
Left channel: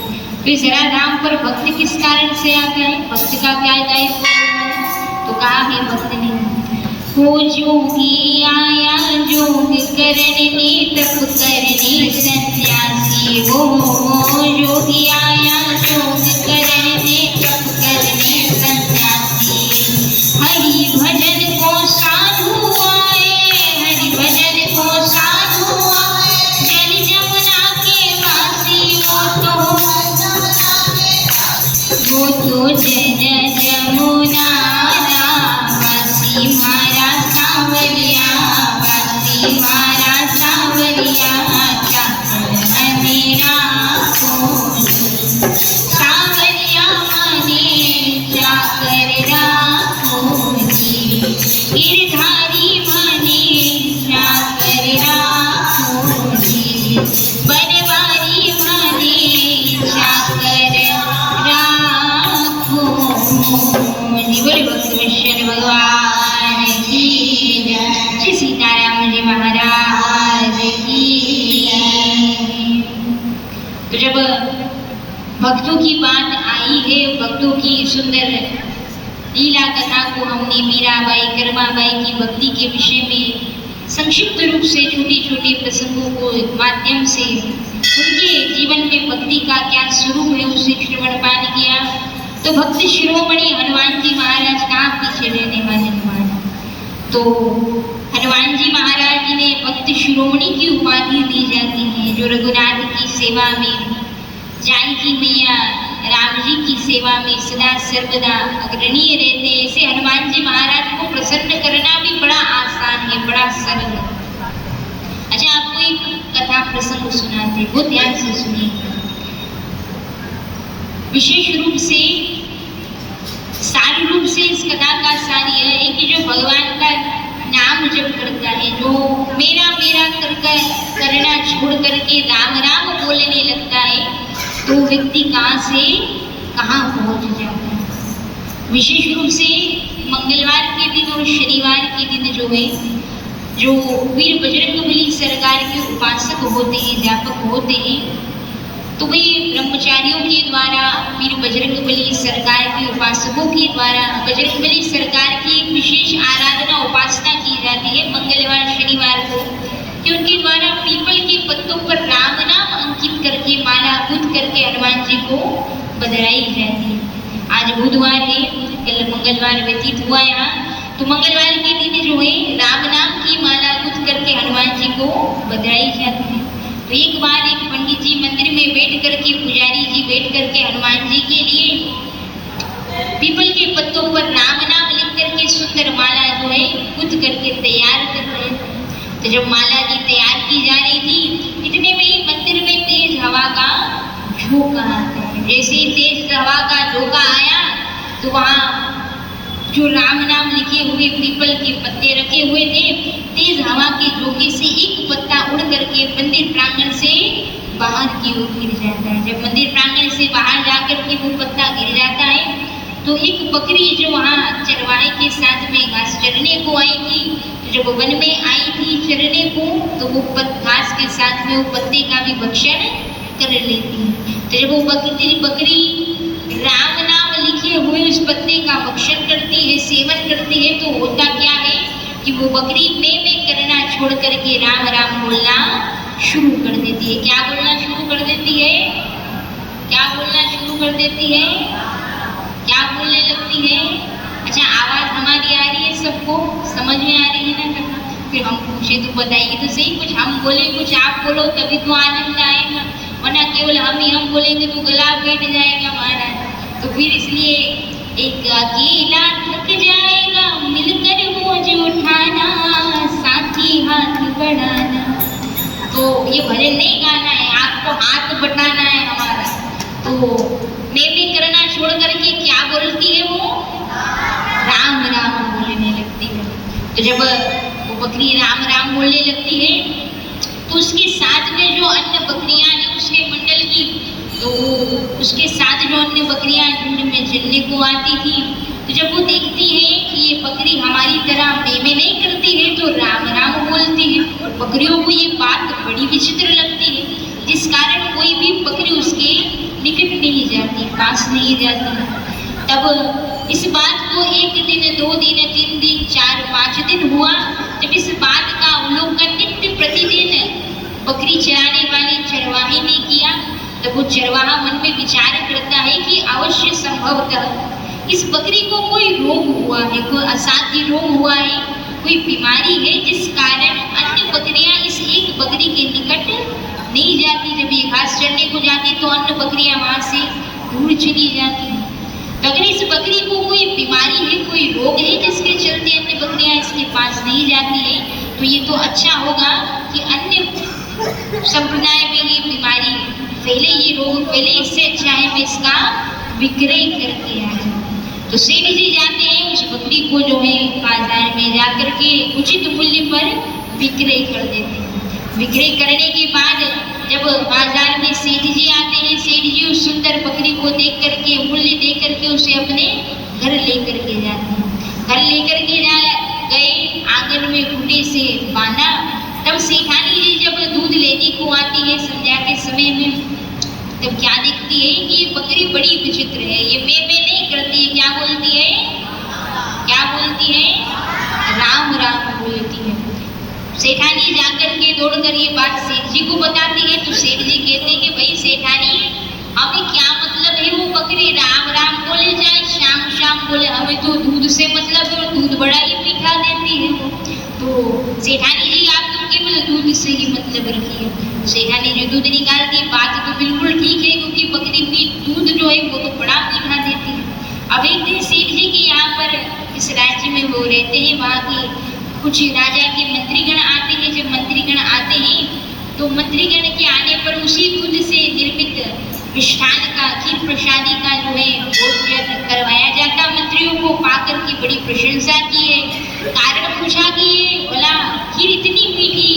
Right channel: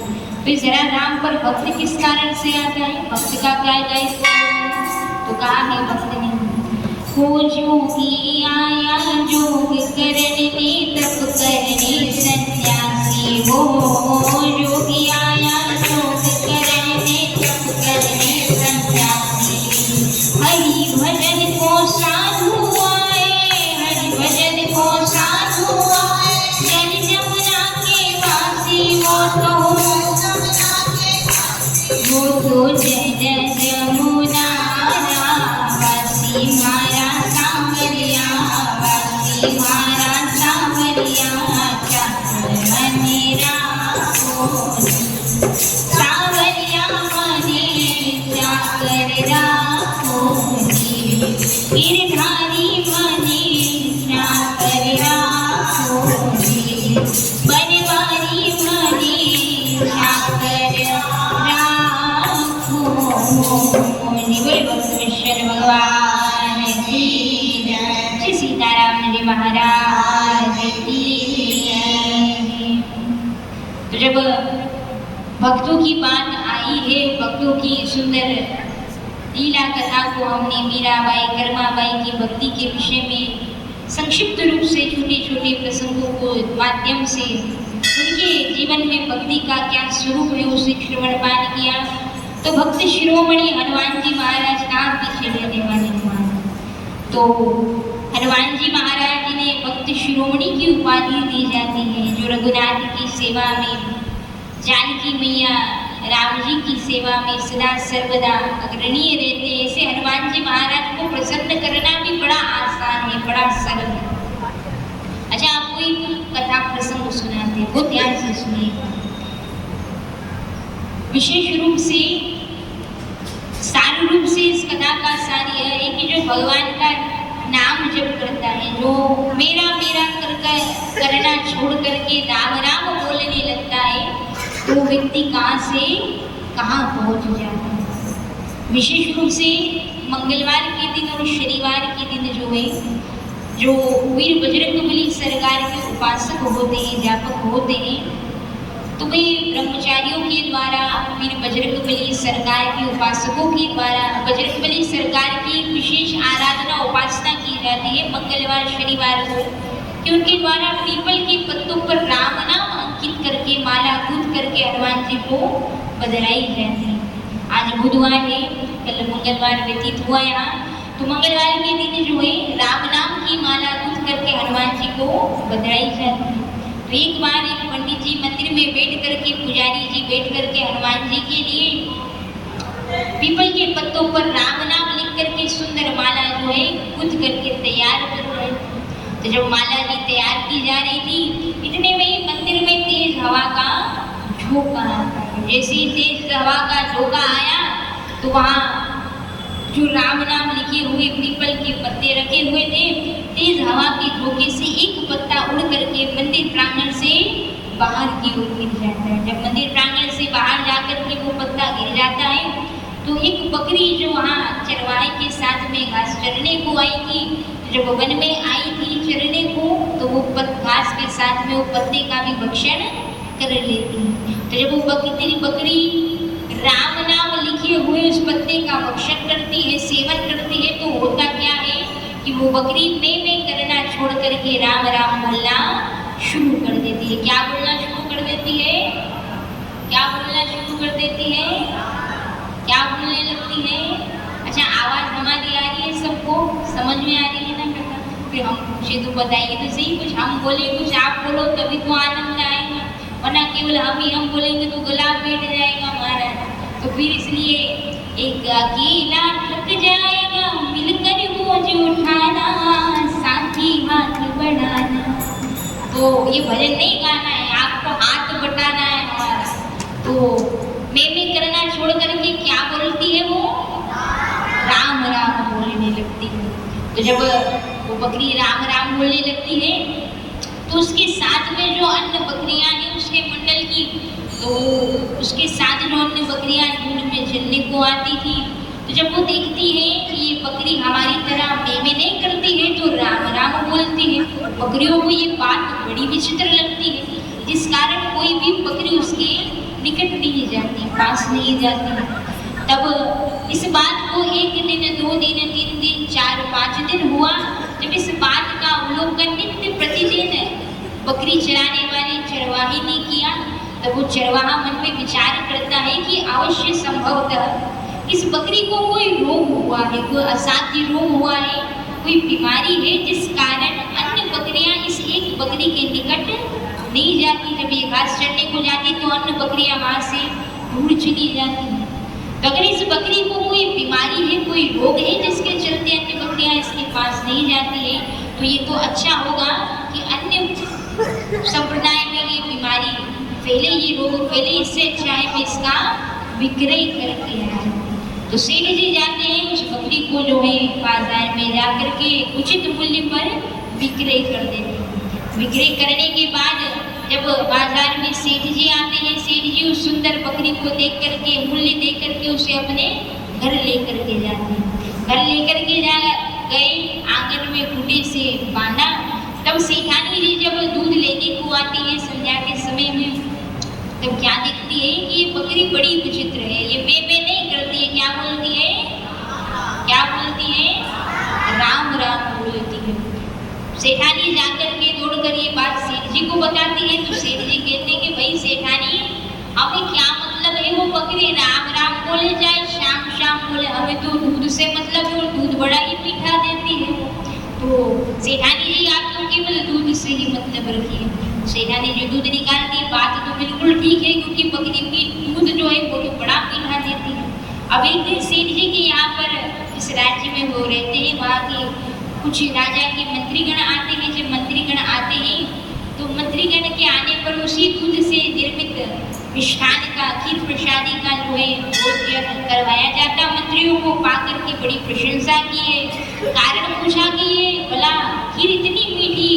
तो इस धराधाम पर भक्त किस कारण से आता है? भक्त का क्या दायित्व है? तो कहा है भक्त ने, हो जोगी आया जोग करने तप करने सन्यासी, हो जोगी आया जोग करने तप करने सन्यासी। हरि भजन को साधु आए, हरि भजन को साधु आए, जल जमुना के वासी वो तो जय जमुना वासी मारा सांवरिया, वासी मारा सांवरिया, चाकर मेरा सांवरिया मने चाकर राखोरी, गिरधारी मने चाकर राखोरी, बनवारी मने चाकर राखोरी। बोले भक्त विष्णु भगवान की जय, श्री सीताराम जी महाराज की जय। तो जब भक्तों की बात आई है, भक्तों की सुंदर लीला कथा को हमने मीराबाई कर्माबाई की भक्ति के विषय में संक्षिप्त रूप से छोटे छोटे प्रसंगों को माध्यम से उनके जीवन में भक्ति का क्या स्वरूप है उसे श्रवणपान किया। तो भक्त शिरोमणि हनुमान जी महाराज कहाँ पीछे रहने वाले हनुमान? तो हनुमान जी महाराज जी ने भक्त शिरोमणि की उपाधि दी जाती है, जो रघुनाथ की सेवा में, जानकी मैया राम जी की सेवा में सदा सर्वदा अग्रणीय रहते हैं। ऐसे हनुमान जी महाराज को प्रसन्न करना भी बड़ा आसान है, बड़ा सरल है। अच्छा, आपको एक कथा प्रसंग सुनाते हैं, बहुत ध्यान से सुनिएगा। विशेष रूप से सार रूप से इस कथा का सार यह है कि जो भगवान का नाम जप करता है, जो मेरा मेरा करना छोड़ करके राम राम बोलने लगता है, तो व्यक्ति कहाँ से कहाँ पहुँच जाता है। विशेष रूप से मंगलवार के दिन और शनिवार के दिन जो है, जो वीर बजरंगबली सरकार के उपासक होते हैं, व्यापक होते हैं, तो वे ब्रह्मचारियों के द्वारा वीर बजरंगबली सरकार के उपासकों के द्वारा बजरंगबली सरकार की एक विशेष आराधना उपासना की जाती है मंगलवार शनिवार को, कि उनके द्वारा पीपल के पत्तों पर राम नाम अंकित करके माला गुंथ करके हनुमान जी को बधाई जाती है। आज बुधवार है, कल मंगलवार व्यतीत हुआ यहाँ, तो मंगलवार के दिन जो है राम नाम की माला गुंथ करके को बधाई जाती है। तो एक बार एक पंडित जी मंदिर में बैठ करके, पुजारी जी बैठ करके हनुमान जी के लिए पीपल के पत्तों पर राम नाम लिख करके सुंदर माला जो है गुथ करके तैयार कर रहे थे। तो जब माला जी तैयार की जा रही थी, इतने में ही मंदिर में तेज हवा का झोंका आता है। जैसे ही तेज हवा का झोंका आया तो वहाँ जो राम नाम लिखे हुए पीपल के पत्ते रखे हुए थे, तेज हवा के झोंके से एक पत्ता उड़ करके मंदिर प्रांगण से बाहर की ओर गिर जाता है। जब मंदिर प्रांगण से बाहर जाकर के वो पत्ता गिर जाता है तो एक बकरी जो वहाँ चरवाहे के साथ में घास चरने को आई थी, जब वो वन में आई थी चरने को, तो वो घास के साथ में वो पत्ते का भी भक्षण कर लेती है। तो जब वो बकरी राम नाम लिखे हुए उस पत्ते का भक्षण करती है, सेवन करती है, तो होता क्या है कि वो बकरी में करना छोड़ करके राम राम बोलना शुरू कर देती है। क्या बोलना शुरू कर देती है? क्या बोलना शुरू कर देती है? क्या बोलने लगती है? अच्छा, आवाज हमारी आ रही है, सबको समझ में आ रही है ना? फिर हम पूछे तो बताइए तो सही, कुछ हम बोले कुछ आप बोलो तभी तो आनंद आएगा, वरना केवल हम बोलेंगे तो गला बैठ जाएगा हमारा। तो फिर इसलिए एक अकेला थक जाएगा मिलकर बोझ उठाना, साथी हाथ बढ़ाना। तो ये भजन नहीं गाना है, आपको हाथ बटाना है हमारा। तो मैं करना छोड़ करके क्या बोलती है वो? राम राम बोलने लगती है। तो जब वो बकरी राम राम बोलने लगती है तो उसके साथ में जो अन्य बकरियां हैं उसके मंडल की, तो उसके साथ जो अन्य बकरियां झुंड में चलने को आती थी, तो जब वो देखती है कि ये बकरी हमारी तरह में नहीं करती है तो राम राम बोलती है, बकरियों को ये बात बड़ी विचित्र लगती है, जिस कारण कोई भी बकरी उसके निकट नहीं जाती, पास नहीं जाती। तब इस बात को 1 दिन, 2 दिन, 3 दिन, 4, 5 दिन हुआ। जब इस बात का अवलोकन नित्य प्रतिदिन बकरी चराने वाले चरवाहे ने किया, तब वो चरवाहा मन में विचार करता है कि अवश्य संभवतः इस बकरी को कोई रोग हुआ है, कोई असाध्य रोग हुआ है, कोई बीमारी है, जिस कारण अन्य बकरियां इस एक बकरी के निकट नहीं जाती। जब ये घास चरने को जाती तो अन्य बकरियां वहां से दूर चली जाती। तो अगर इस बकरी को कोई बीमारी है, कोई रोग है जिसके चलते अन्य बकरियां इसके पास नहीं जाती है, तो ये तो अच्छा होगा कि अन्य संप्रदाय में ये बीमारी फैले, ये रोग फैले, इससे अच्छा है मैं इसका विक्रय करके आ जाऊँ। तो सेठ जी जाते हैं उस बकरी को जो है बाजार में जा करके उचित मूल्य पर विक्रय कर देते हैं। विक्रय करने के बाद जब बाजार में सेठ जी आते हैं, सेठ जी उस सुंदर बकरी को देख करके, मूल्य दे करके उसे अपने घर लेकर के जाते हैं। घर लेकर के गए, आंगन में खूंटे से बांधा। तब सेठानी जी जब दूध लेने को आती है संध्या के समय में, तब क्या देखती है कि ये बकरी बड़ी विचित्र है, ये में नहीं करती है। क्या बोलती है? क्या बोलती है? राम राम बोलती है। सेठानी जाकर के दौड़ कर ये बात सेठ जी को बताती है, तो सेठ जी कहते हैं कि भाई सेठानी, हमें क्या मतलब है वो बकरी राम राम बोले जाए, शाम शाम बोले, हमें तो दूध से मतलब है और दूध बड़ा ही मीठा देती है वो। तो सेठानी जी आप तो केवल दूध से ही मतलब रखिए। सेठानी जो दूध निकालती है, बात तो बिल्कुल ठीक है, क्योंकि बकरी भी दूध जो है वो तो बड़ा मीठा देती है। अब एक दिन सेठ जी के यहाँ पर इस राज्य में वो रहते हैं, वहाँ के कुछ राजा के मंत्रीगण आते हैं। जब मंत्रीगण आते हैं तो मंत्रीगण के आने पर उसी दूध से निर्मित मिष्ठान का, खीर प्रसादी का जो है भोजन करवाया जाता। मंत्रियों को पाकर के बड़ी प्रशंसा की है, कारण पूछा कि ये भला खीर इतनी मीठी,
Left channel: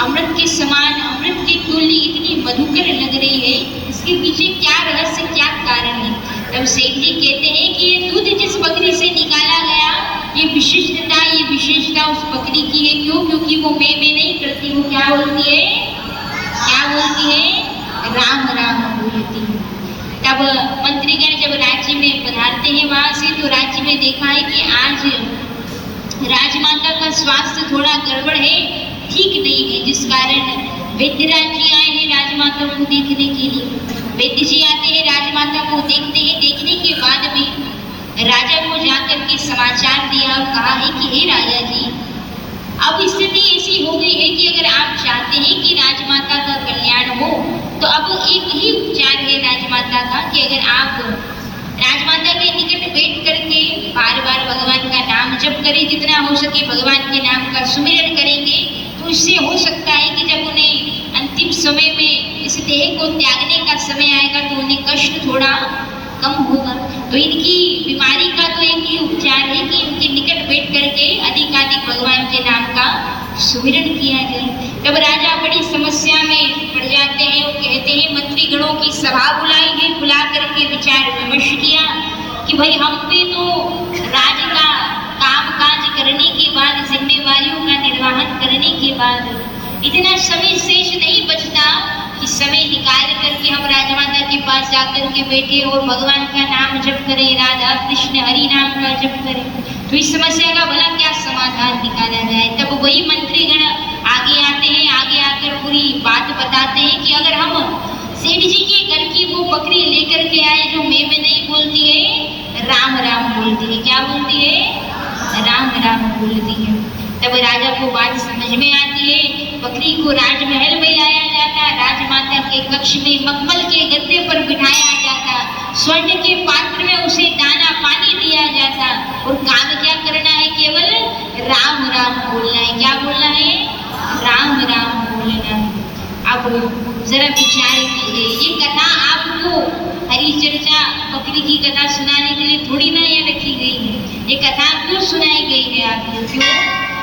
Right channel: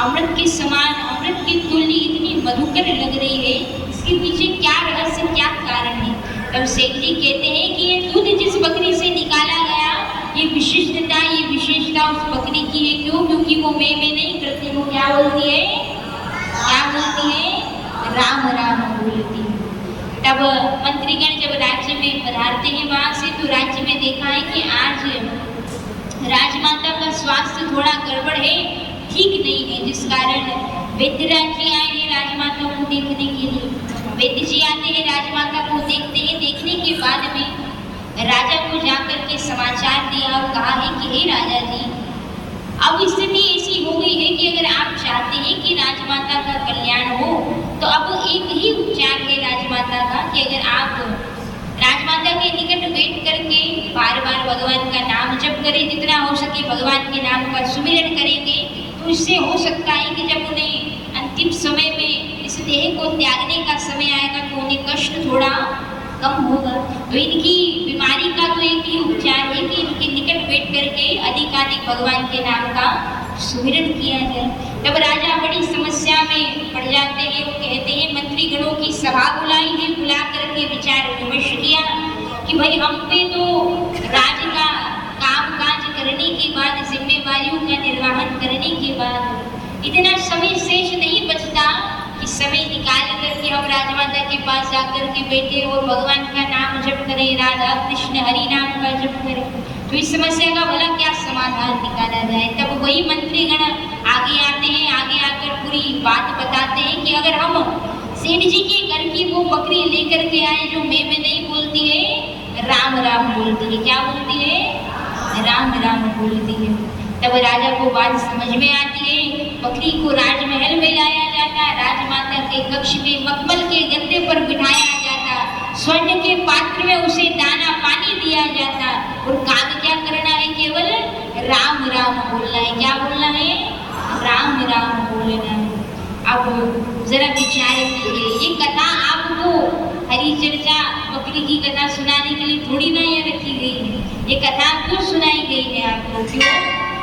अमृत के समान, अमृत की तुल्य इतनी मधुकर लग रही है, इसके पीछे क्या रहस्य, क्या कारण है? तब सेठ जी कहते हैं कि ये दूध जिस बकरी से निकाला गया, ये विशिष्टता, ये विशेषता उस बकरी की है। क्यों? क्योंकि वो में नहीं करती, वो क्या बोलती है? क्या बोलती है? राम राम बोलती है। तब मंत्रीगण जब राज्य में पधारते हैं वहां से, तो राज्य में देखा है कि आज राजमाता का स्वास्थ्य थोड़ा गड़बड़ है, ठीक नहीं है, जिस कारण वैद्यराज जी आए हैं राजमाता को देखने के लिए। वैद्य जी आते हैं, राजमाता को देखते हैं, देखने के बाद में राजा को जाकर के समाचार दिया और कहा है कि हे राजा जी, अब स्थिति ऐसी हो गई है कि अगर आप चाहते हैं कि राजमाता का कल्याण हो तो अब एक ही उपचार है राजमाता का कि अगर आप राजमाता के निकट बैठ करके बार बार भगवान का नाम जप करें, जितना हो सके भगवान के नाम का सुमिरन करेंगे तो इससे हो सकता है कि जब उन्हें अंतिम समय में इस देह को त्यागने का समय आएगा तो उन्हें कष्ट थोड़ा कम होगा। तो इनकी बीमारी का तो एक ही उपचार है कि इनके निकट बैठ करके अधिकाधिक भगवान के नाम का सुमिरन किया जाए। तब राजा बड़ी समस्या में पड़ जाते हैं। वो कहते हैं मंत्री गणों की सभा बुलाई है, बुला करके विचार विमर्श किया कि भाई हम पे तो राज का काम काज करने के बाद, जिम्मेवारियों का निर्वहन करने के बाद इतना समय शेष नहीं बचता कि समय निकाल करके हम राजमाता के पास जाकर के बैठे और भगवान का नाम जप करें, राधा कृष्ण हरि नाम का जप करें। तो इस समस्या का भला क्या समाधान निकाला जाए। तब वही मंत्रीगण आगे आते हैं, आगे आकर पूरी बात बताते हैं कि अगर हम सेठ जी के घर की वो बकरी लेकर के आए जो मैं में नहीं बोलती है, राम राम बोलती है। क्या बोलती है? राम राम बोलती है। तब राजा को बात समझ में आती है। बकरी को राजमहल में लाया जाता, राजमाता के कक्ष में मखमल के गद्दे पर बिठाया जाता, स्वर्ण के पात्र में उसे दाना पानी दिया जाता और काम क्या करना है? केवल राम राम बोलना है। क्या बोलना है? राम राम बोलना है। अब जरा विचार कीजिए, ये कथा आपको हरी चर्चा बकरी की कथा सुनाने के लिए थोड़ी ना ये रखी गई है। ये कथा क्यों सुनाई गई है आपको? क्यों?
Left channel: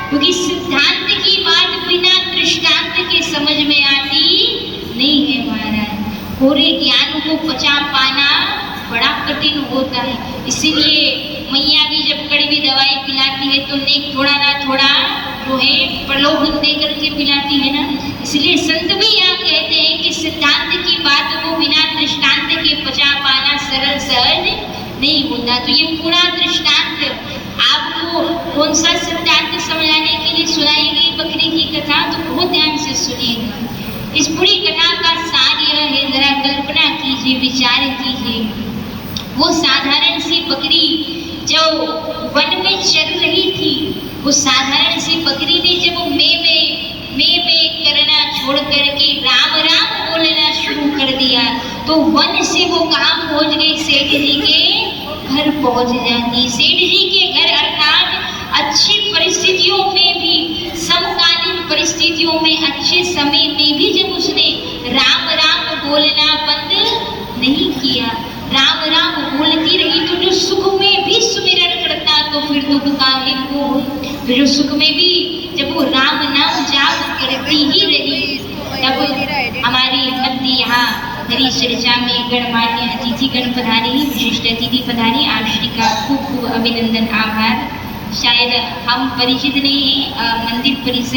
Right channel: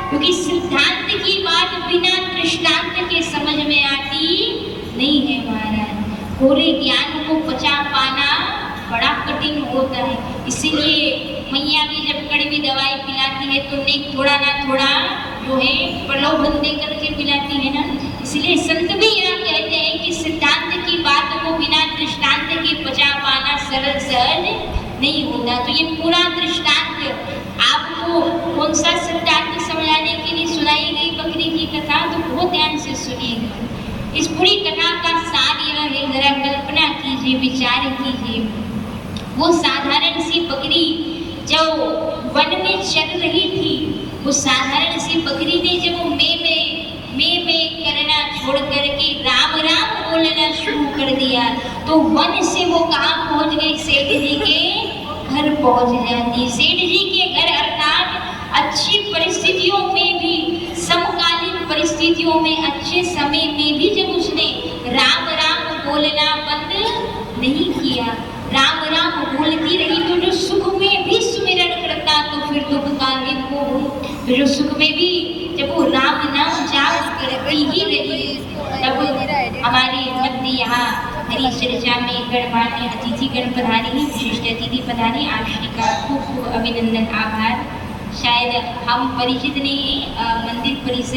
क्योंकि सिद्धांत की बात बिना दृष्टांत के समझ में आती नहीं है महाराज। पूरे ज्ञान को पचा पाना बड़ा कठिन होता है। इसीलिए मैया भी जब कड़वी दवाई पिलाती है तो नेक थोड़ा ना थोड़ा जो है प्रलोभन दे करके पिलाती है ना। इसलिए संत भी यहाँ कहते हैं कि सिद्धांत की बात को बिना दृष्टांत के पचा पाना सरल सहज नहीं होता। तो ये पूरा दृष्टांत आपको कौन सा सिद्धांत समझाने के लिए सुनाई गई बकरी की कथा, तो बहुत ध्यान से सुनिएगा। इस पूरी कथा का सार यह है, जरा कल्पना कीजिए, विचार कीजिए। वो साधारण सी बकरी जो वन में चल रही थी, वो साधारण सी बकरी ने जब में करना छोड़ करके राम राम बोलना शुरू कर दिया तो वन से वो कहाँ पहुंच गई? सेठ जी के घर पहुंच जाती। सेठ जी के घर अर्थात अच्छी परिस्थितियों में भी, समकालीन परिस्थितियों में, अच्छे समय में भी जब उसने राम राम बोलना बंद नहीं किया, राम राम बोलती रही, तो जो सुख में भी सुमिरन करता तो फिर दुख काहे को। तो जो सुख में भी जब वो राम नाम जाप करती ही रही, तब हमारे मध्य यहाँ हरी चर्चा में गणमान्य अतिथिगण पधारे, विशिष्ट अतिथि पधारे। आप श्री का खूब खूब अभिनंदन, आभार। शायद हम परिचित नहीं, मंदिर परिसर